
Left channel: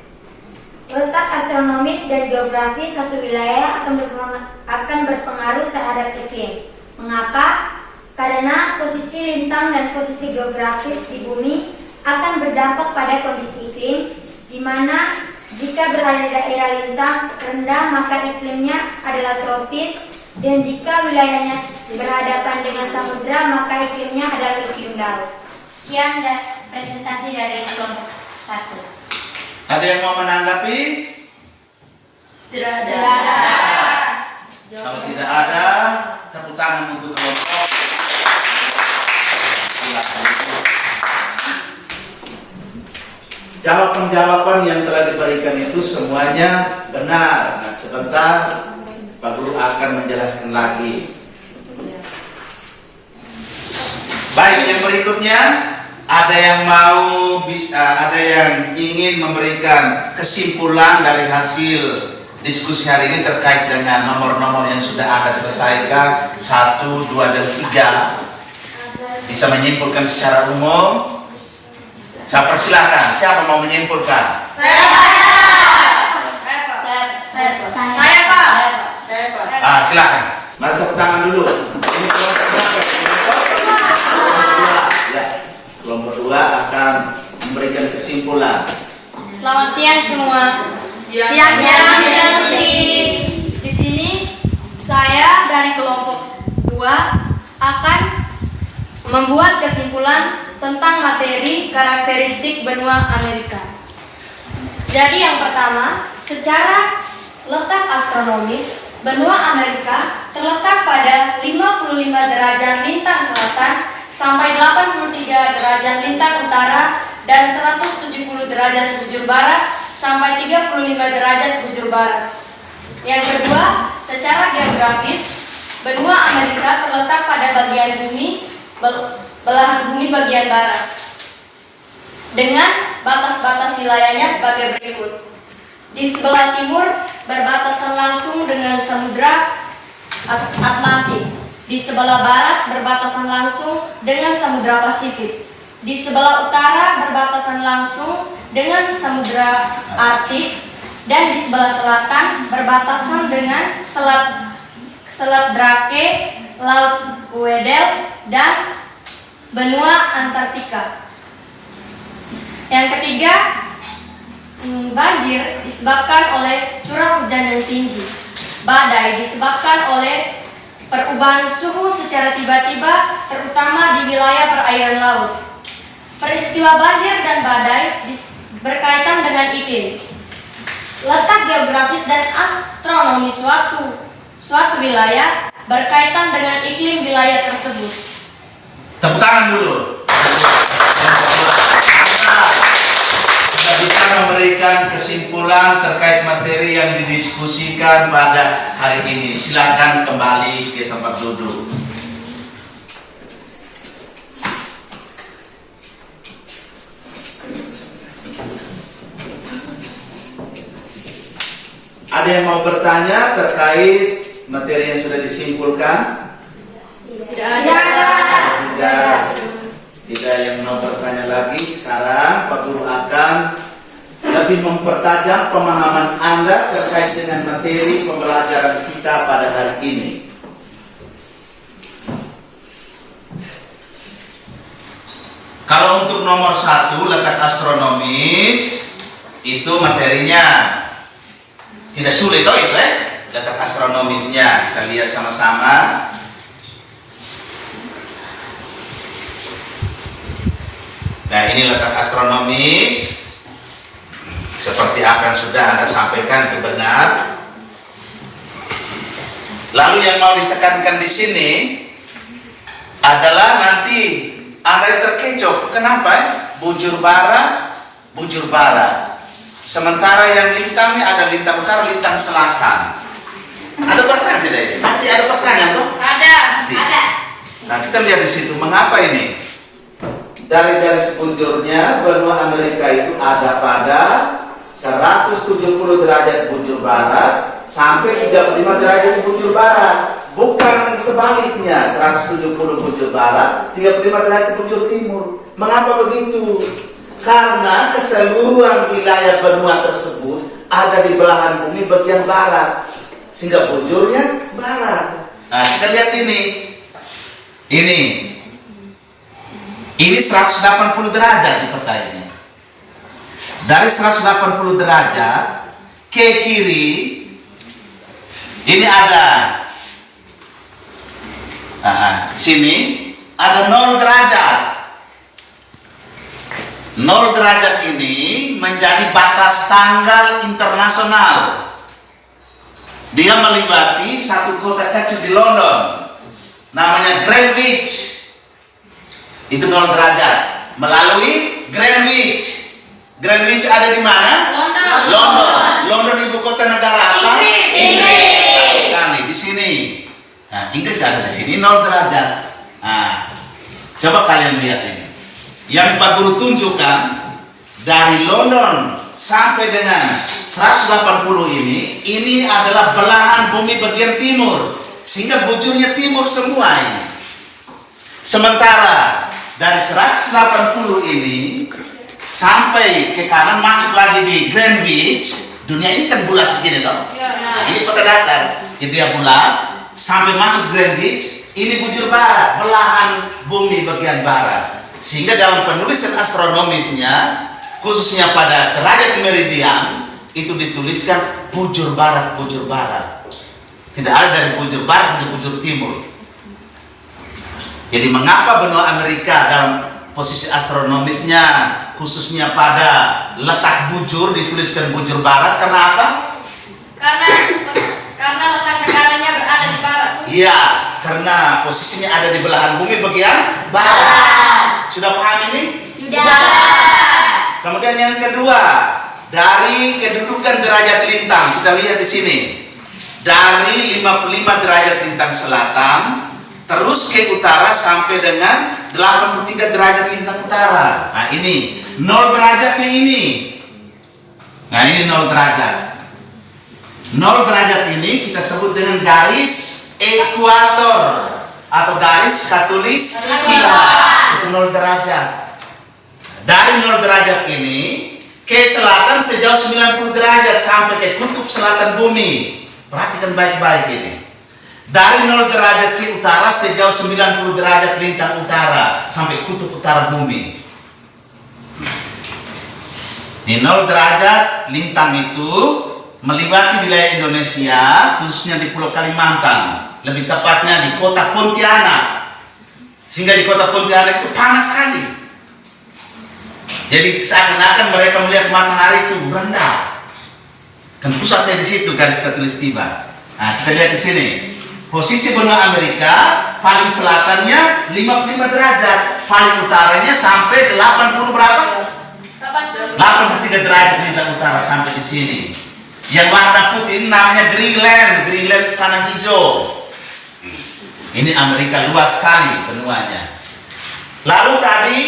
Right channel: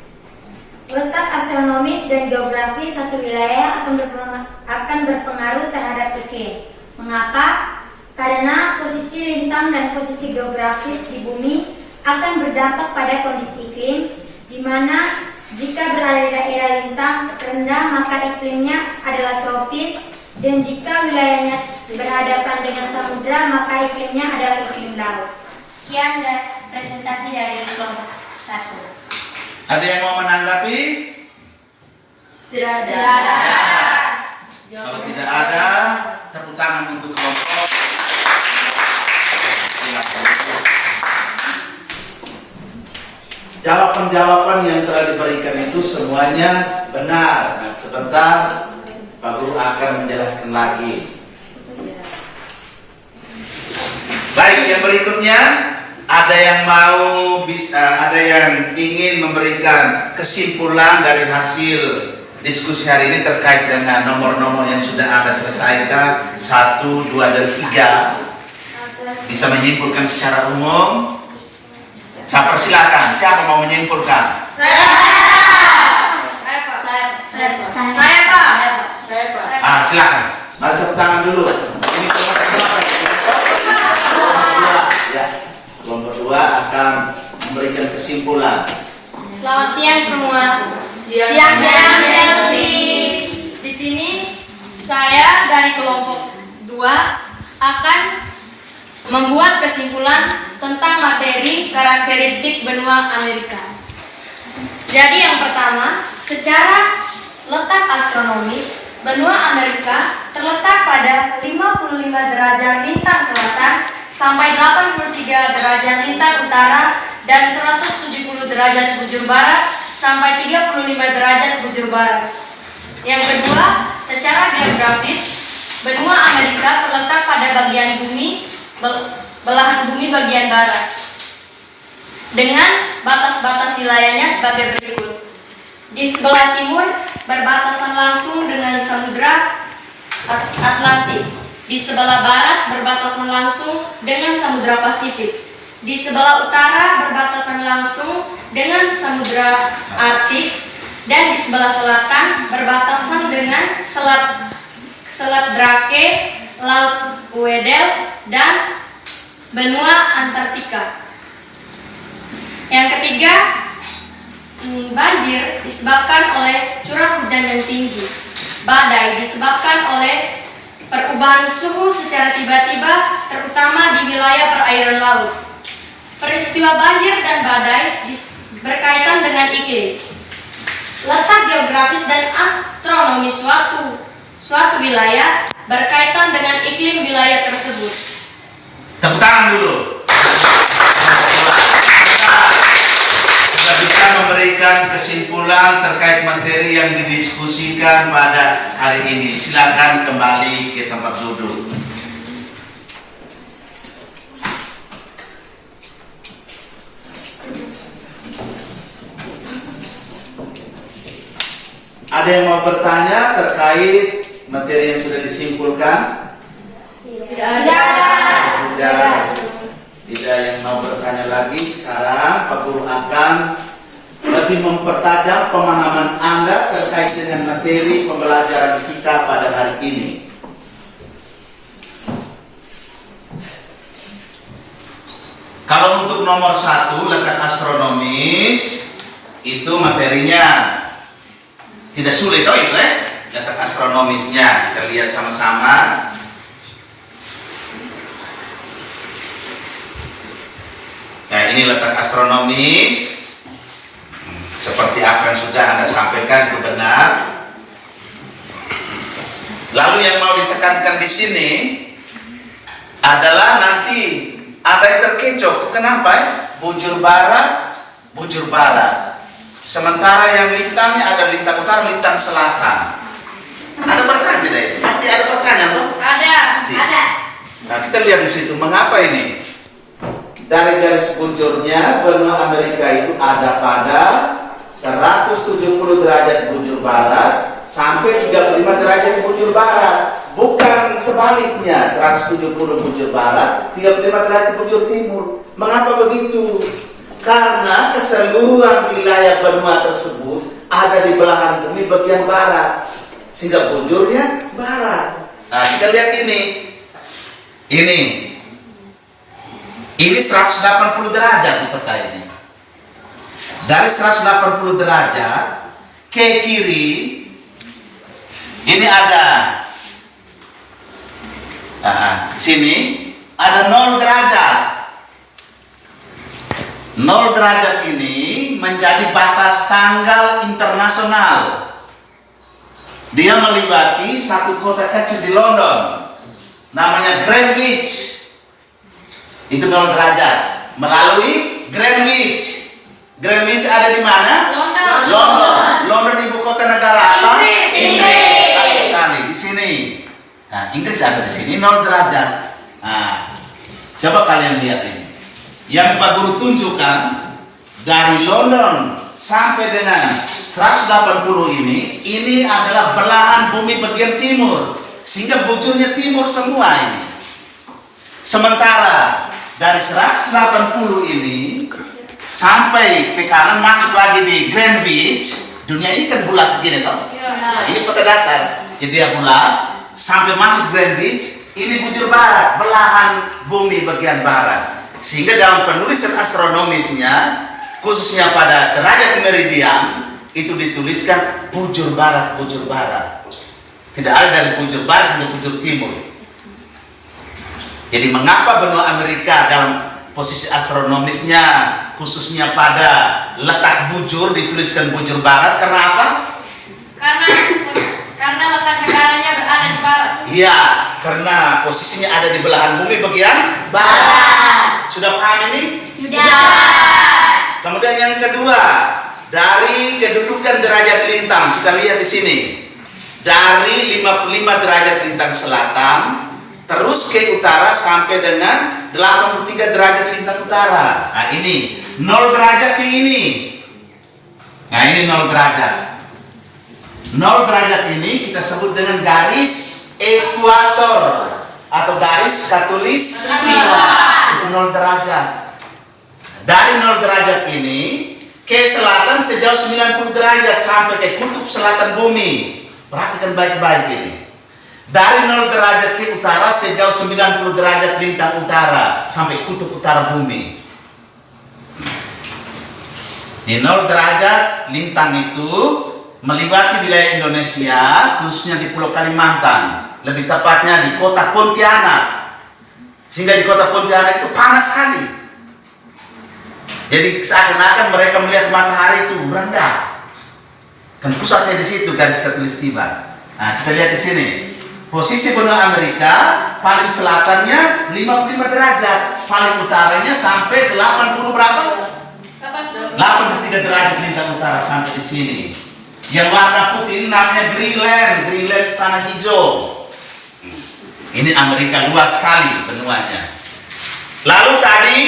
Letak astronomis dan geografis satu wilayah akan berpengaruh terhadap iklim. Mengapa? Karena posisi lintang dan posisi geografis di bumi akan berdampak pada kondisi iklim, di mana jika berada di daerah lintang rendah maka iklimnya adalah tropis, dan jika wilayahnya berhadapan dengan samudra maka iklimnya adalah iklim laut. Sekian presentasi dari kelompok 1. Ada yang mau menanggapi? Tidak ada. Kalau tidak ada, tepuk tangan untuk kelompok. Jawaban-jawaban yang telah diberikan itu semuanya benar. Nah, sebentar Pak Guru akan menjelaskan lagi. Baik, yang berikutnya ada yang ingin memberikan kesimpulan dari hasil diskusi hari ini terkait dengan nomor-nomor yang sudah Anda selesaikan 1, 2, dan 3. Bisa menyimpulkan secara umum? Saya persilakan. Siapa mau menyimpulkan? Saya, Pak. Silakan. Mari tepuk tangan dulu. Ini kelompok berapa? Kelompok 2 akan memberikan kesimpulan. Selamat siang semua. Siang. Di sini saya dari kelompok 2 akan membuat kesimpulan tentang materi karakteristik benua Amerika. Jadi yang pertama, secara letak astronomis, benua Amerika terletak pada 55 derajat lintang selatan sampai 83 derajat lintang utara dan 170 derajat bujur barat sampai 35 derajat bujur barat. Yang kedua, secara geografis, benua Amerika terletak pada bagian bumi, belahan bumi bagian barat, dengan batas-batas wilayahnya sebagai berikut. Di sebelah timur berbatasan langsung dengan Samudra Atlantik. Di sebelah barat berbatasan langsung dengan Samudra Pasifik. Di sebelah utara berbatasan langsung dengan Samudra Arktik. Dan di sebelah selatan berbatasan dengan Selat Drake, Laut Weddell, dan benua Antartika. Yang ketiga, banjir disebabkan oleh curah hujan yang tinggi. Badai disebabkan oleh perubahan suhu secara tiba-tiba, terutama di wilayah perairan laut. Peristiwa banjir dan badai berkaitan dengan iklim. Letak geografis dan astronomi suatu wilayah berkaitan dengan iklim wilayah tersebut. Tepuk tangan dulu. Sudah bisa memberikan kesimpulan terkait materi yang didiskusikan pada hari ini. Silakan kembali ke tempat duduk. Ada yang mau bertanya terkait materi yang sudah disimpulkan? Tidak yang mau bertanya lagi. Sekarang Pak Guru akan lebih mempertajam pemahaman Anda terkait dengan materi pembelajaran kita pada hari ini. Kalau untuk nomor 1, letak astronomis, itu materinya tidak sulit, itu letak astronomisnya. Kita lihat sama-sama. Nah, ini letak astronomis. Seperti apa yang sudah Anda sampaikan itu benar. Lalu yang mau ditekankan di sini adalah nanti Anda terkecoh. Kenapa? Bujur barat, bujur barat. Sementara yang lintangnya ada lintang utara, lintang selatan. Ada pertanyaan tidak ini? Pasti ada pertanyaan toh? Ada. Pasti. Nah, kita lihat di situ. Mengapa ini? Dari garis bujurnya benua Amerika itu ada pada 170 derajat bujur barat sampai 35 derajat bujur barat. Bukan sebaliknya, 170 bujur barat, 35 derajat bujur timur. Mengapa begitu? Karena keseluruhan wilayah benua tersebut ada di belahan bumi bagian barat, sehingga bujurnya barat. Nah, kita lihat ini. Ini 180 derajat di peta ini. Dari 180 derajat ke kiri ini ada sini ada 0 derajat. 0 derajat ini menjadi batas tanggal internasional. Dia melewati satu kota kecil di London, namanya Greenwich. Itu 0 derajat melalui Greenwich. Greenwich ada di mana? London. London ibu kota negara apa? Inggris. Sekali di sini. Nah, Inggris ada di sini 0 derajat. Nah, coba kalian lihat ini. Yang Pak Guru tunjukkan dari London sampai dengan 180 ini adalah belahan bumi bagian timur, sehingga bujurnya timur semua ini. Sementara dari 180 ini sampai ke kanan masuk lagi di Greenwich. Dunia ini kan bulat begini toh. Nah, ini peta datar. Jadi dia bulat sampai masuk Greenwich. Ini bujur barat, belahan bumi bagian barat. Sehingga dalam penulisan astronomisnya, khususnya pada derajat meridian, itu dituliskan bujur barat, bujur barat. Tidak ada dari bujur barat ke bujur timur. Jadi mengapa benua Amerika dalam posisi astronomisnya, khususnya pada letak bujur dituliskan bujur barat? Karena apa? Karena letak negaranya berada di barat. Iya, karena posisinya ada di belahan bumi bagian barat. Sudah paham ini? Sudah. Kemudian yang kedua, dari kedudukan derajat lintang, kita lihat di sini. Dari 55 derajat lintang selatan terus ke utara sampai dengan 83 derajat lintang utara. Nah, ini 0 derajat ke ini. Nah, ini 0 derajat. 0 derajat ini kita sebut dengan garis ekuator atau garis khatulistiwa. Itu 0 derajat. Dari 0 derajat ini ke selatan sejauh 90 derajat sampai ke kutub selatan bumi. Perhatikan baik-baik ini. Dari 0 derajat ke utara sejauh 90 derajat lintang utara sampai kutub utara bumi. Di 0 derajat lintang itu melewati wilayah Indonesia, khususnya di Pulau Kalimantan, lebih tepatnya di kota Pontianak. Sehingga di kota Pontianak itu panas sekali. Jadi seakan-akan mereka melihat matahari itu berendah. Kan pusatnya di situ garis khatulistiwa. Nah, kita lihat di sini. Posisi benua Amerika paling selatannya 55 derajat, paling utaranya sampai 80 berapa? 83 derajat lintang utara sampai di sini. Yang warna putih ini namanya Greenland, Greenland tanah hijau. Ini Amerika luas sekali benuanya. Lalu tadi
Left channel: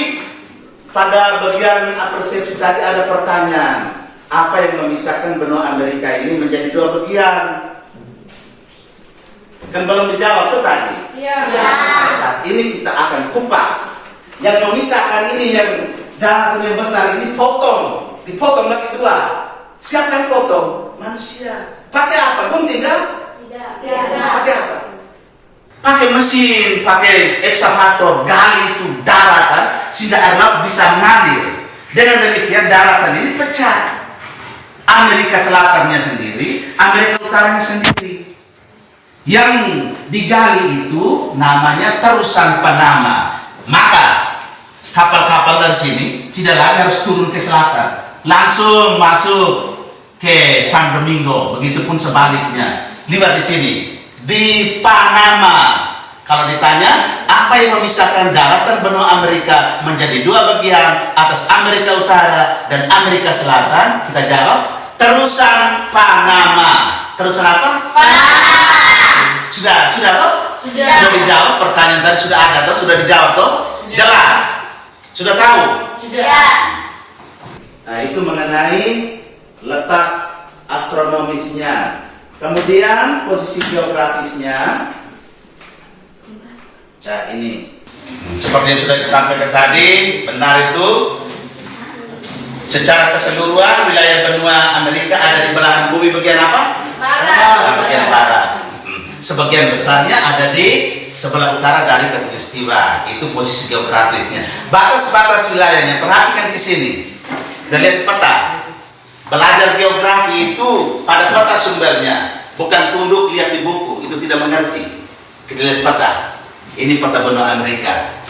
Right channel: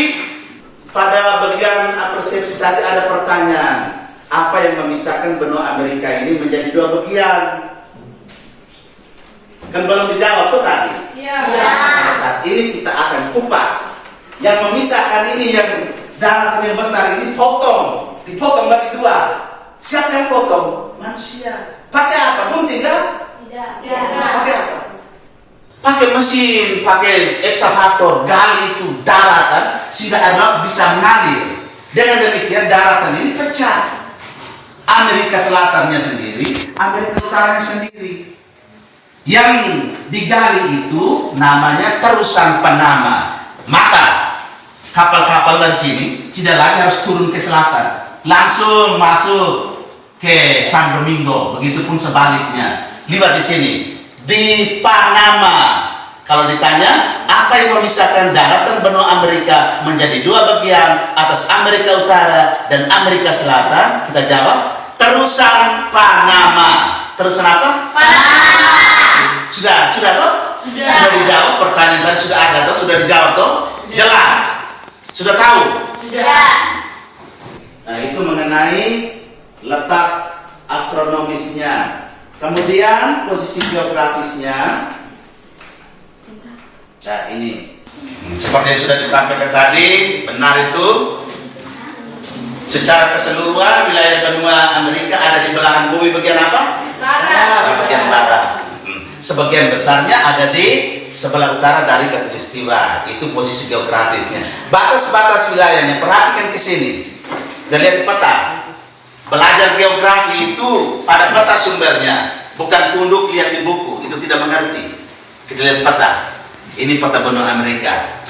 pada bagian persepsi tadi ada pertanyaan, apa yang memisahkan benua Amerika ini menjadi dua bagian? Kan belum dijawab tuh tadi. Pada saat ini kita akan kupas. Yang memisahkan ini yang daratan yang besar ini dipotong bagi dua. Siapa yang potong? Manusia. Pakai apa? Gunting kan? Tidak. Pakai apa? Pakai mesin, pakai ekskavator, gali itu daratan sehingga air laut bisa mengalir. Dengan demikian daratan ini pecah. Amerika Selatannya sendiri, Amerika Utaranya sendiri. Yang digali itu namanya terusan Panama. Maka kapal-kapal dari sini tidak lagi harus turun ke selatan, langsung masuk ke San Domingo. Begitupun sebaliknya. Lihat di sini di Panama. Kalau ditanya apa yang memisahkan daratan benua Amerika menjadi dua bagian atas Amerika Utara dan Amerika Selatan, kita jawab terusan Panama. Terusan apa? Panama. Sudah toh? Sudah dijawab, pertanyaan tadi sudah ada toh? Sudah dijawab toh? Jelas? Sudah tahu? Sudah. Nah, itu mengenai letak astronomisnya. Kemudian posisi geografisnya. Nah, ini seperti yang sudah disampaikan tadi, benar itu. Secara keseluruhan wilayah benua Amerika ada di belahan bumi bagian apa? Barat. Bagian barat. Sebagian besarnya ada di sebelah utara dari khatulistiwa. Itu posisi geografisnya. Batas-batas wilayahnya, perhatikan ke sini. Kita lihat di peta. Belajar geografi itu pada peta sumbernya, bukan tunduk lihat di buku, itu tidak mengerti. Kita lihat peta. Ini peta benua Amerika.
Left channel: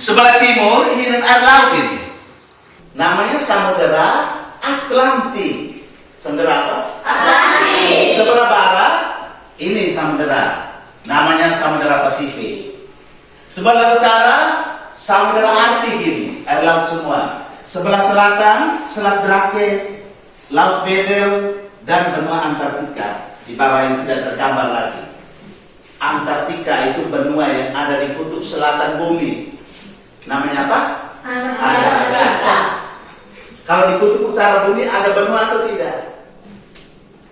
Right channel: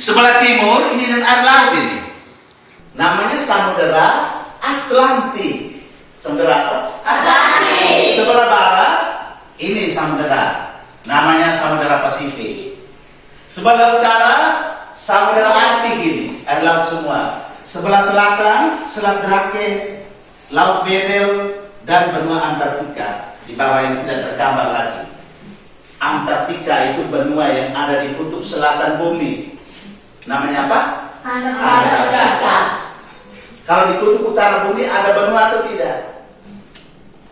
Sebelah timur ini dan air laut ini. Namanya Samudera Atlantik. Samudera apa? Atlantik. Sebelah barat ini samudera, namanya Samudera Pasifik. Sebelah utara Samudera Arktik ini, air laut semua. Sebelah selatan Selat Drake, Laut Weddell, dan benua Antartika. Di bawah yang tidak tergambar lagi. Antartika itu benua yang ada di kutub selatan bumi. Namanya apa? Antartika. Kalau di kutub utara bumi ada benua atau tidak?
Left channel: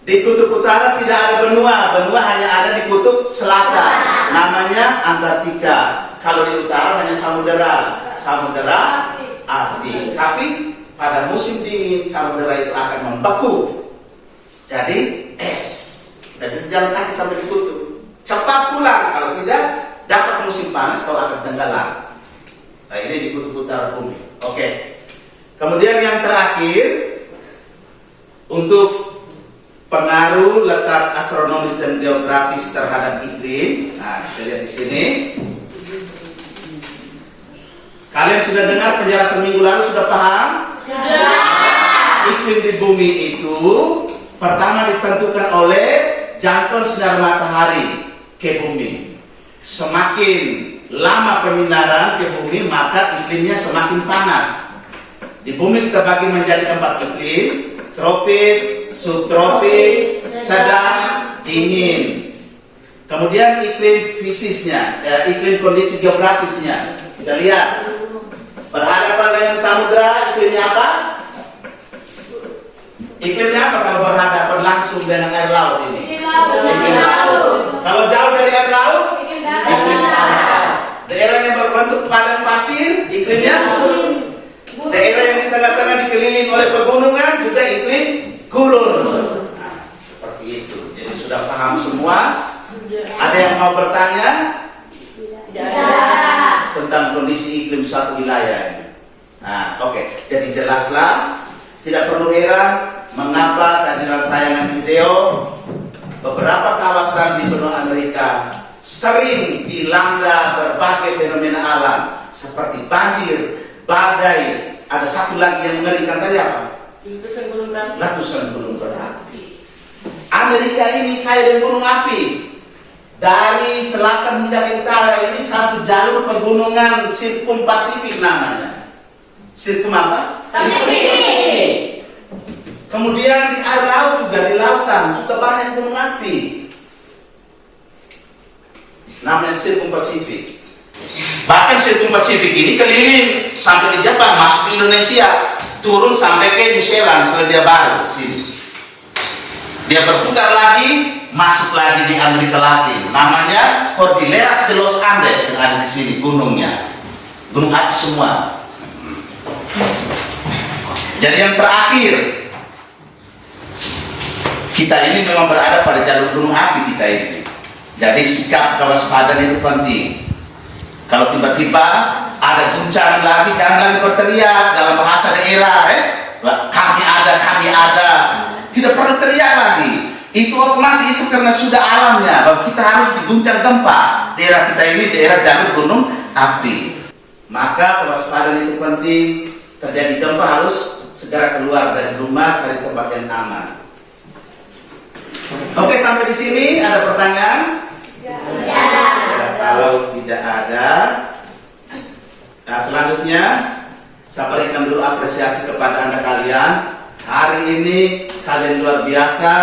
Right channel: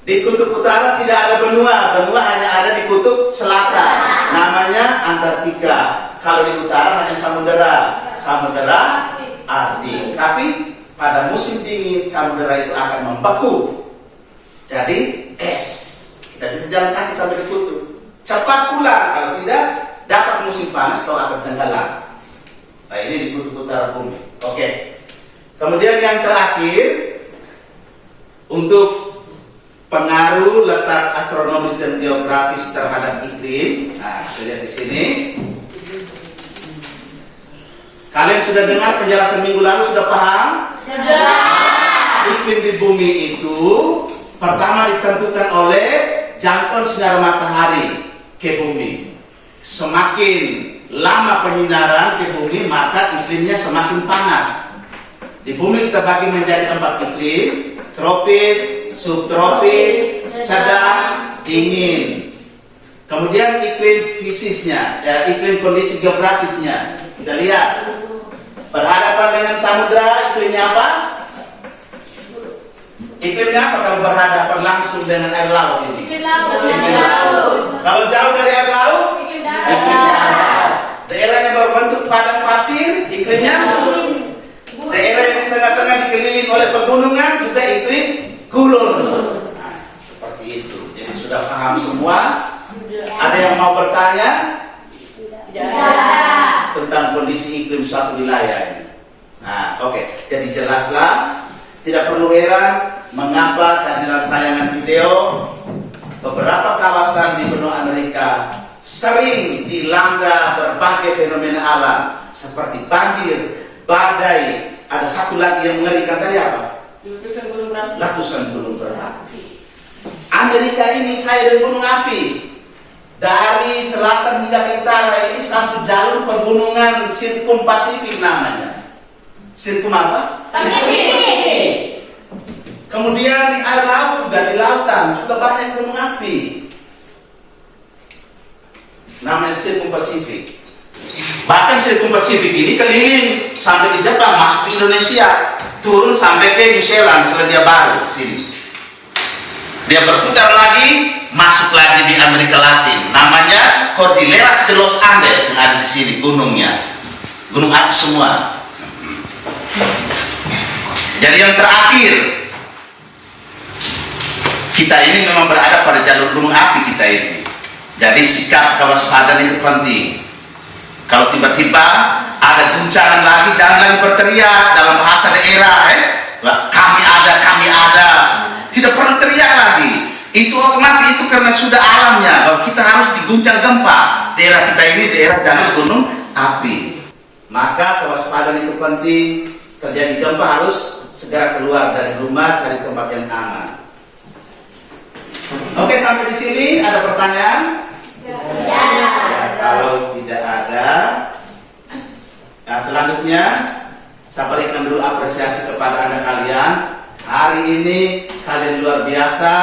Di kutub utara tidak ada benua, benua hanya ada di kutub selatan, namanya Antartika. Kalau di utara hanya samudera Arktik. Tapi pada musim dingin samudera itu akan membeku, jadi es. Kita bisa jalan kaki sampai di kutub. Cepat pulang, kalau tidak dapat musim panas kau akan tenggelam. Nah, ini di kutub utara bumi. Oke. Kemudian yang terakhir untuk pengaruh letak astronomis dan geografis terhadap iklim. Nah, kita lihat di sini. Kalian sudah dengar penjelasan minggu lalu, sudah paham? Sudah. Iklim di bumi itu pertama ditentukan oleh jangkauan sinar matahari ke bumi. Semakin lama penyinaran ke bumi, maka iklimnya semakin panas. Di bumi kita bagi menjadi 4 iklim: tropis, subtropis, sedang, dingin. Kemudian iklim fisiknya, iklim kondisi geografisnya. Kita lihat. Berhadapan dengan samudra, iklimnya apa? Iklimnya apa kalau berhadapan langsung dengan air laut ini? Iklim laut. Kalau jauh dari air laut? Iklim darat. Daerah yang berbentuk padang pasir, iklimnya? Daerah yang di tengah-tengah dikelilingi oleh pegunungan juga iklim gurun. Nah, seperti itu. Jadi sudah paham semua? Ada yang mau bertanya? Tentang kondisi iklim suatu wilayah ini. Nah, oke. Jadi jelaslah. Tidak perlu heran mengapa tadi dalam tayangan video beberapa kawasan di benua Amerika sering dilanda berbagai fenomena alam seperti banjir, badai, ada satu lagi yang mengerikan tadi apa? Letusan gunung berapi. Letusan gunung berapi. Amerika ini kayak dengan gunung api. Dari selatan hingga ke utara ini satu jalur pegunungan Sirkum Pasifik namanya. Sirkum apa? Pasifik. Kemudian di air laut juga, di lautan juga banyak gunung api. Namanya Sirkum Pasifik. Bahkan Sirkum Pasifik ini keliling sampai ke Jepang, masuk ke Indonesia, turun sampai ke New Zealand, Selandia Baru sini. Dia berputar lagi, masuk lagi di Amerika Latin. Namanya Cordilleras de los Andes yang ada di sini gunungnya. Gunung api semua. Jadi yang terakhir, kita ini memang berada pada jalur gunung api kita ini. Jadi sikap kewaspadaan itu penting. Kalau tiba-tiba ada guncangan lagi, jangan lagi berteriak dalam bahasa daerah, kami ada. Tidak perlu teriak lagi. Itu otomatis itu karena sudah alamnya bahwa kita harus diguncang gempa. Daerah kita ini daerah jalur gunung api. Maka kewaspadaan itu penting. Terjadi gempa harus segera keluar dari rumah, cari tempat yang aman. Oke, sampai di sini ada pertanyaan? Ya, kalau tidak ada, nah selanjutnya saya berikan dulu apresiasi kepada Anda kalian. Hari ini kalian luar biasa,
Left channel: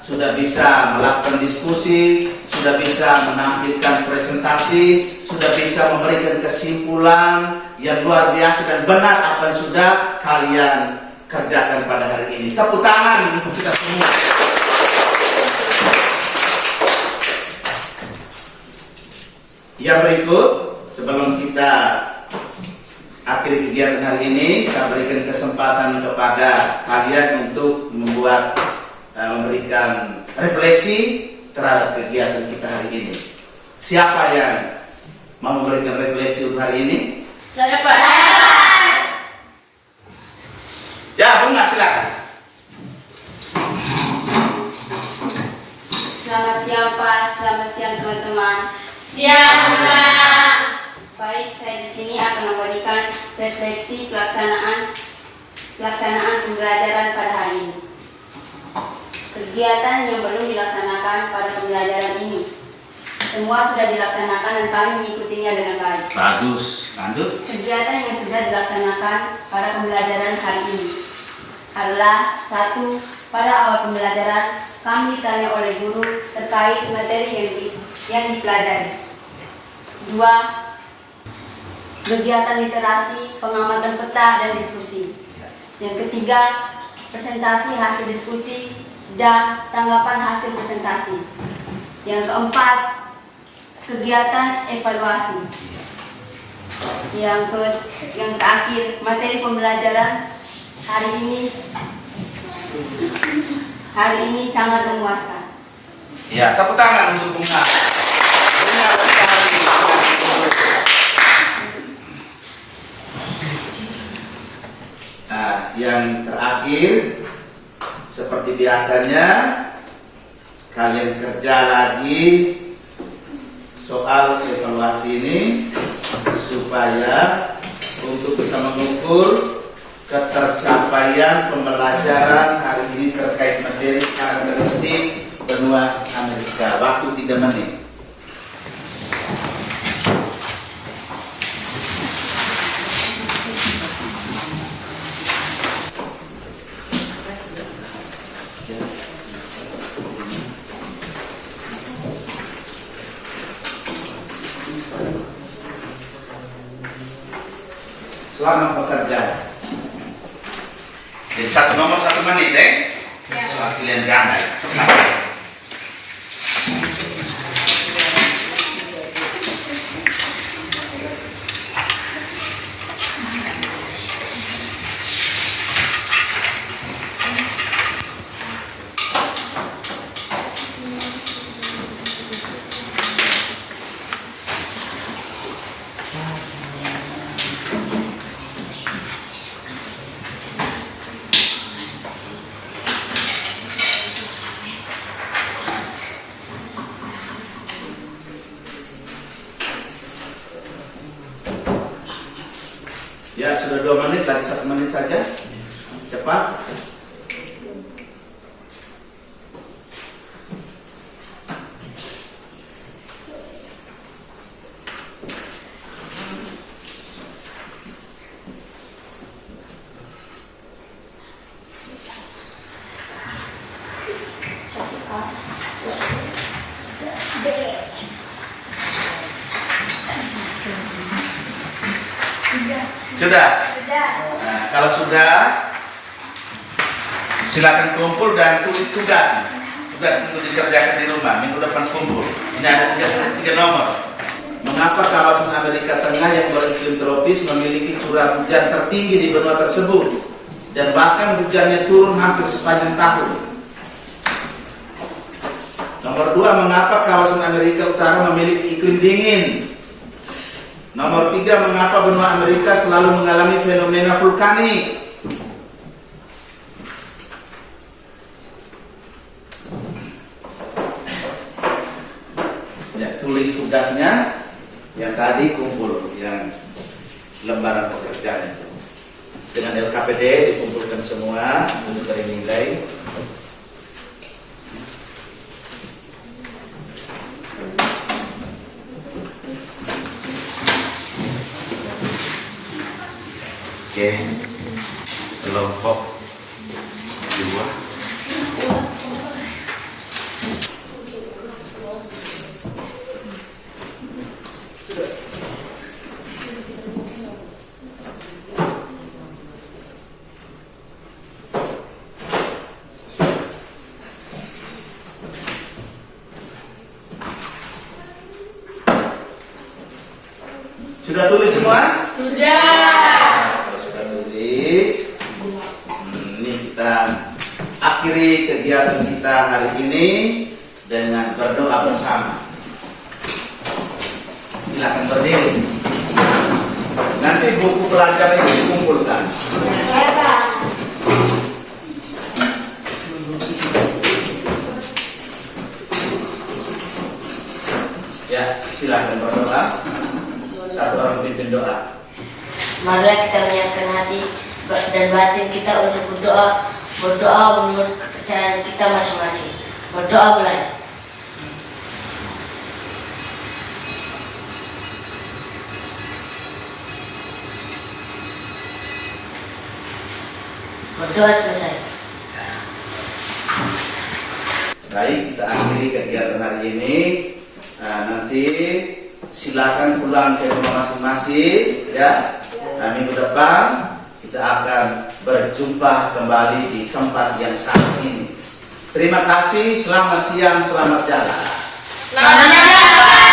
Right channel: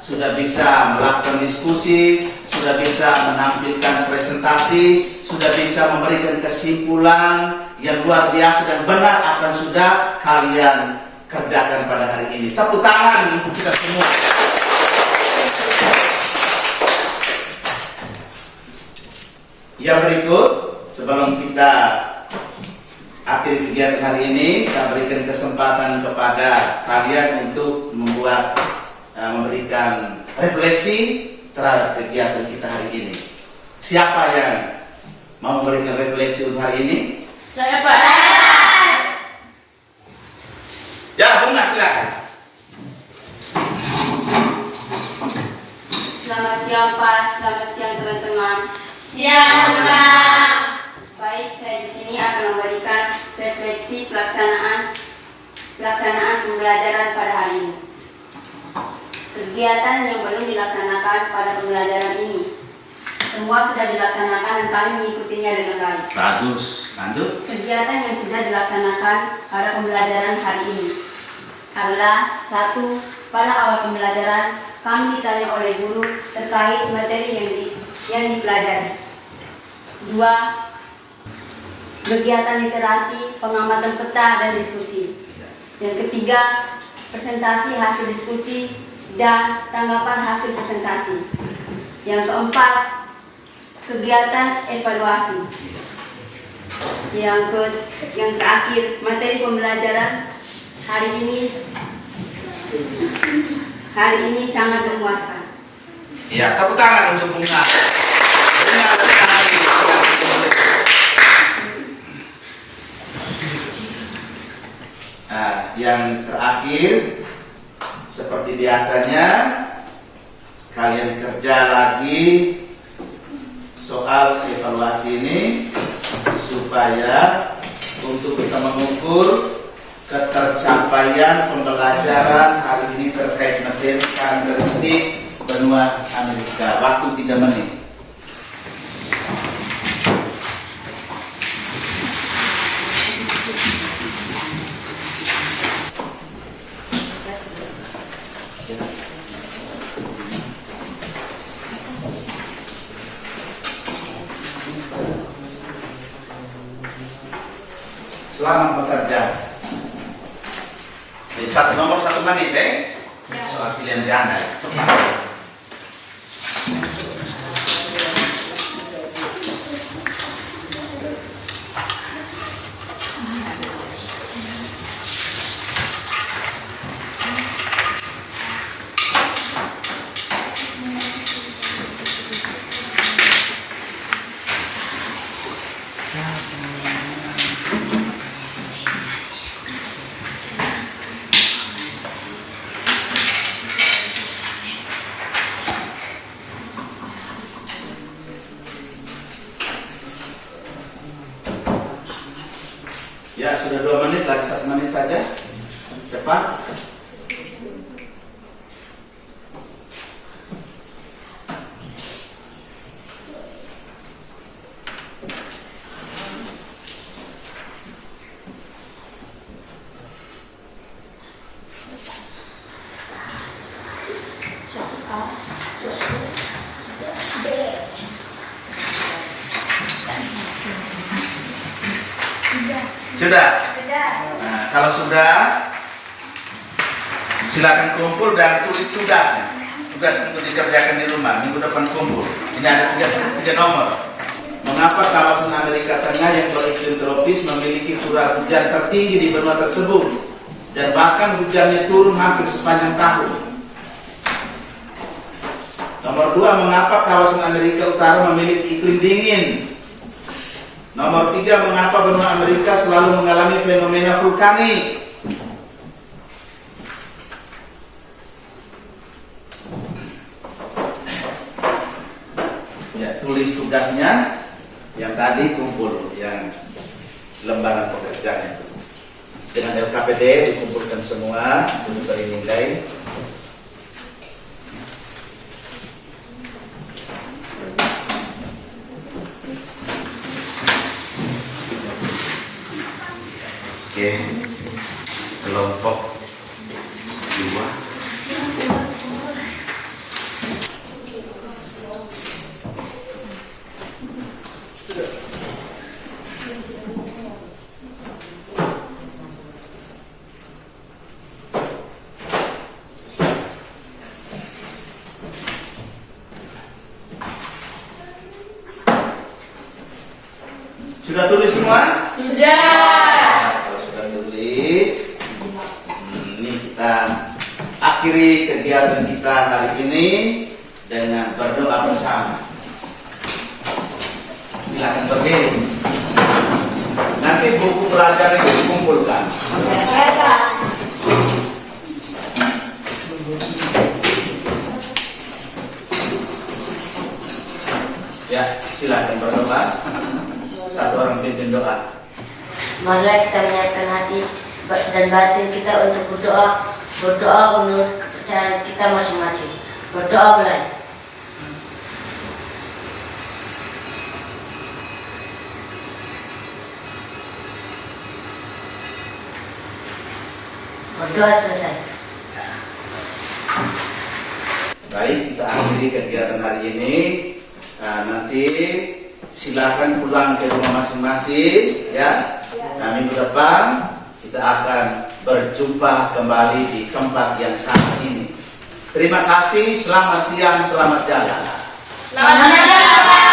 sudah bisa melakukan diskusi, sudah bisa menampilkan presentasi, sudah bisa memberikan kesimpulan yang luar biasa dan benar apa yang sudah kalian kerjakan pada hari ini. Tepuk tangan untuk kita semua. Yang berikut, sebelum kita akhiri kegiatan hari ini, saya berikan kesempatan kepada kalian untuk memberikan refleksi terhadap kegiatan kita hari ini. Siapa yang mau memberikan refleksi untuk hari ini? Saya Pak. Ya, Bunga, silakan. Selamat siang Pak, selamat siang teman-teman. Siang, Pak. Baik, saya di sini akan memberikan refleksi pelaksanaan pembelajaran pada hari ini. Kegiatan yang belum dilaksanakan pada pembelajaran ini, semua sudah dilaksanakan dan kami mengikutinya dengan baik. Bagus, lanjut. Kegiatan yang sudah dilaksanakan pada pembelajaran hari ini adalah: 1. Pada awal pembelajaran, kami ditanya oleh guru terkait materi yang dipelajari. 2. Kegiatan literasi, pengamatan peta, dan diskusi. Yang ketiga, presentasi hasil diskusi dan tanggapan hasil presentasi. Yang keempat, kegiatan evaluasi. Yang terakhir, materi pembelajaran hari ini sangat memuaskan. Ya, tepuk tangan untuk Bunga. Bunga, tepuk tangan. Nah, yang terakhir, seperti biasanya, kalian kerja lagi soal evaluasi ini supaya untuk bisa mengukur ketercapaian pembelajaran hari ini terkait materi karakteristik benua Amerika. Waktu 3 menit. Selamat bekerja. Jadi nomor 1 menit soal pilihan ganda. Cepat. Ya, sudah 2 menit, lagi 1 menit saja. Cepat. Sudah? Nah, kalau sudah, silakan kumpul dan tulis tugas. Tugas untuk dikerjakan di rumah. Minggu depan kumpul. Ini ada 3 nomor. Mengapa kawasan Amerika Tengah yang beriklim tropis memiliki curah hujan tertinggi di benua tersebut dan bahkan hujannya turun hampir sepanjang tahun? Nomor 2, mengapa kawasan Amerika Utara memiliki iklim dingin? Nomor 3, mengapa benua Amerika selalu mengalami fenomena vulkanik? Ya, tulis tugasnya yang tadi kumpul, yang lembaran pekerjaan itu. Dengan LKPD dikumpulkan semua untuk nilai. Oke, kelompok 2. Sudah tulis semua? Kalau sudah tulis, ini kita akhiri kegiatan kita hari ini dengan berdoa bersama. Silakan berdiri. Nanti buku pelajaran itu dikumpulkan. Ya, silakan berdoa. Satu orang pimpin doa. Marilah kita menyiapkan hati dan batin kita untuk berdoa menurut kepercayaan kita masing-masing. Berdoa mulai. Berdoa selesai. Baik, kita akhiri kegiatan hari ini. Nah, nanti silakan pulang ke rumah masing-masing, ya. Nah, minggu depan kita akan berjumpa kembali di tempat yang sama ini. Terima kasih, selamat siang, selamat jalan. Selamat siang.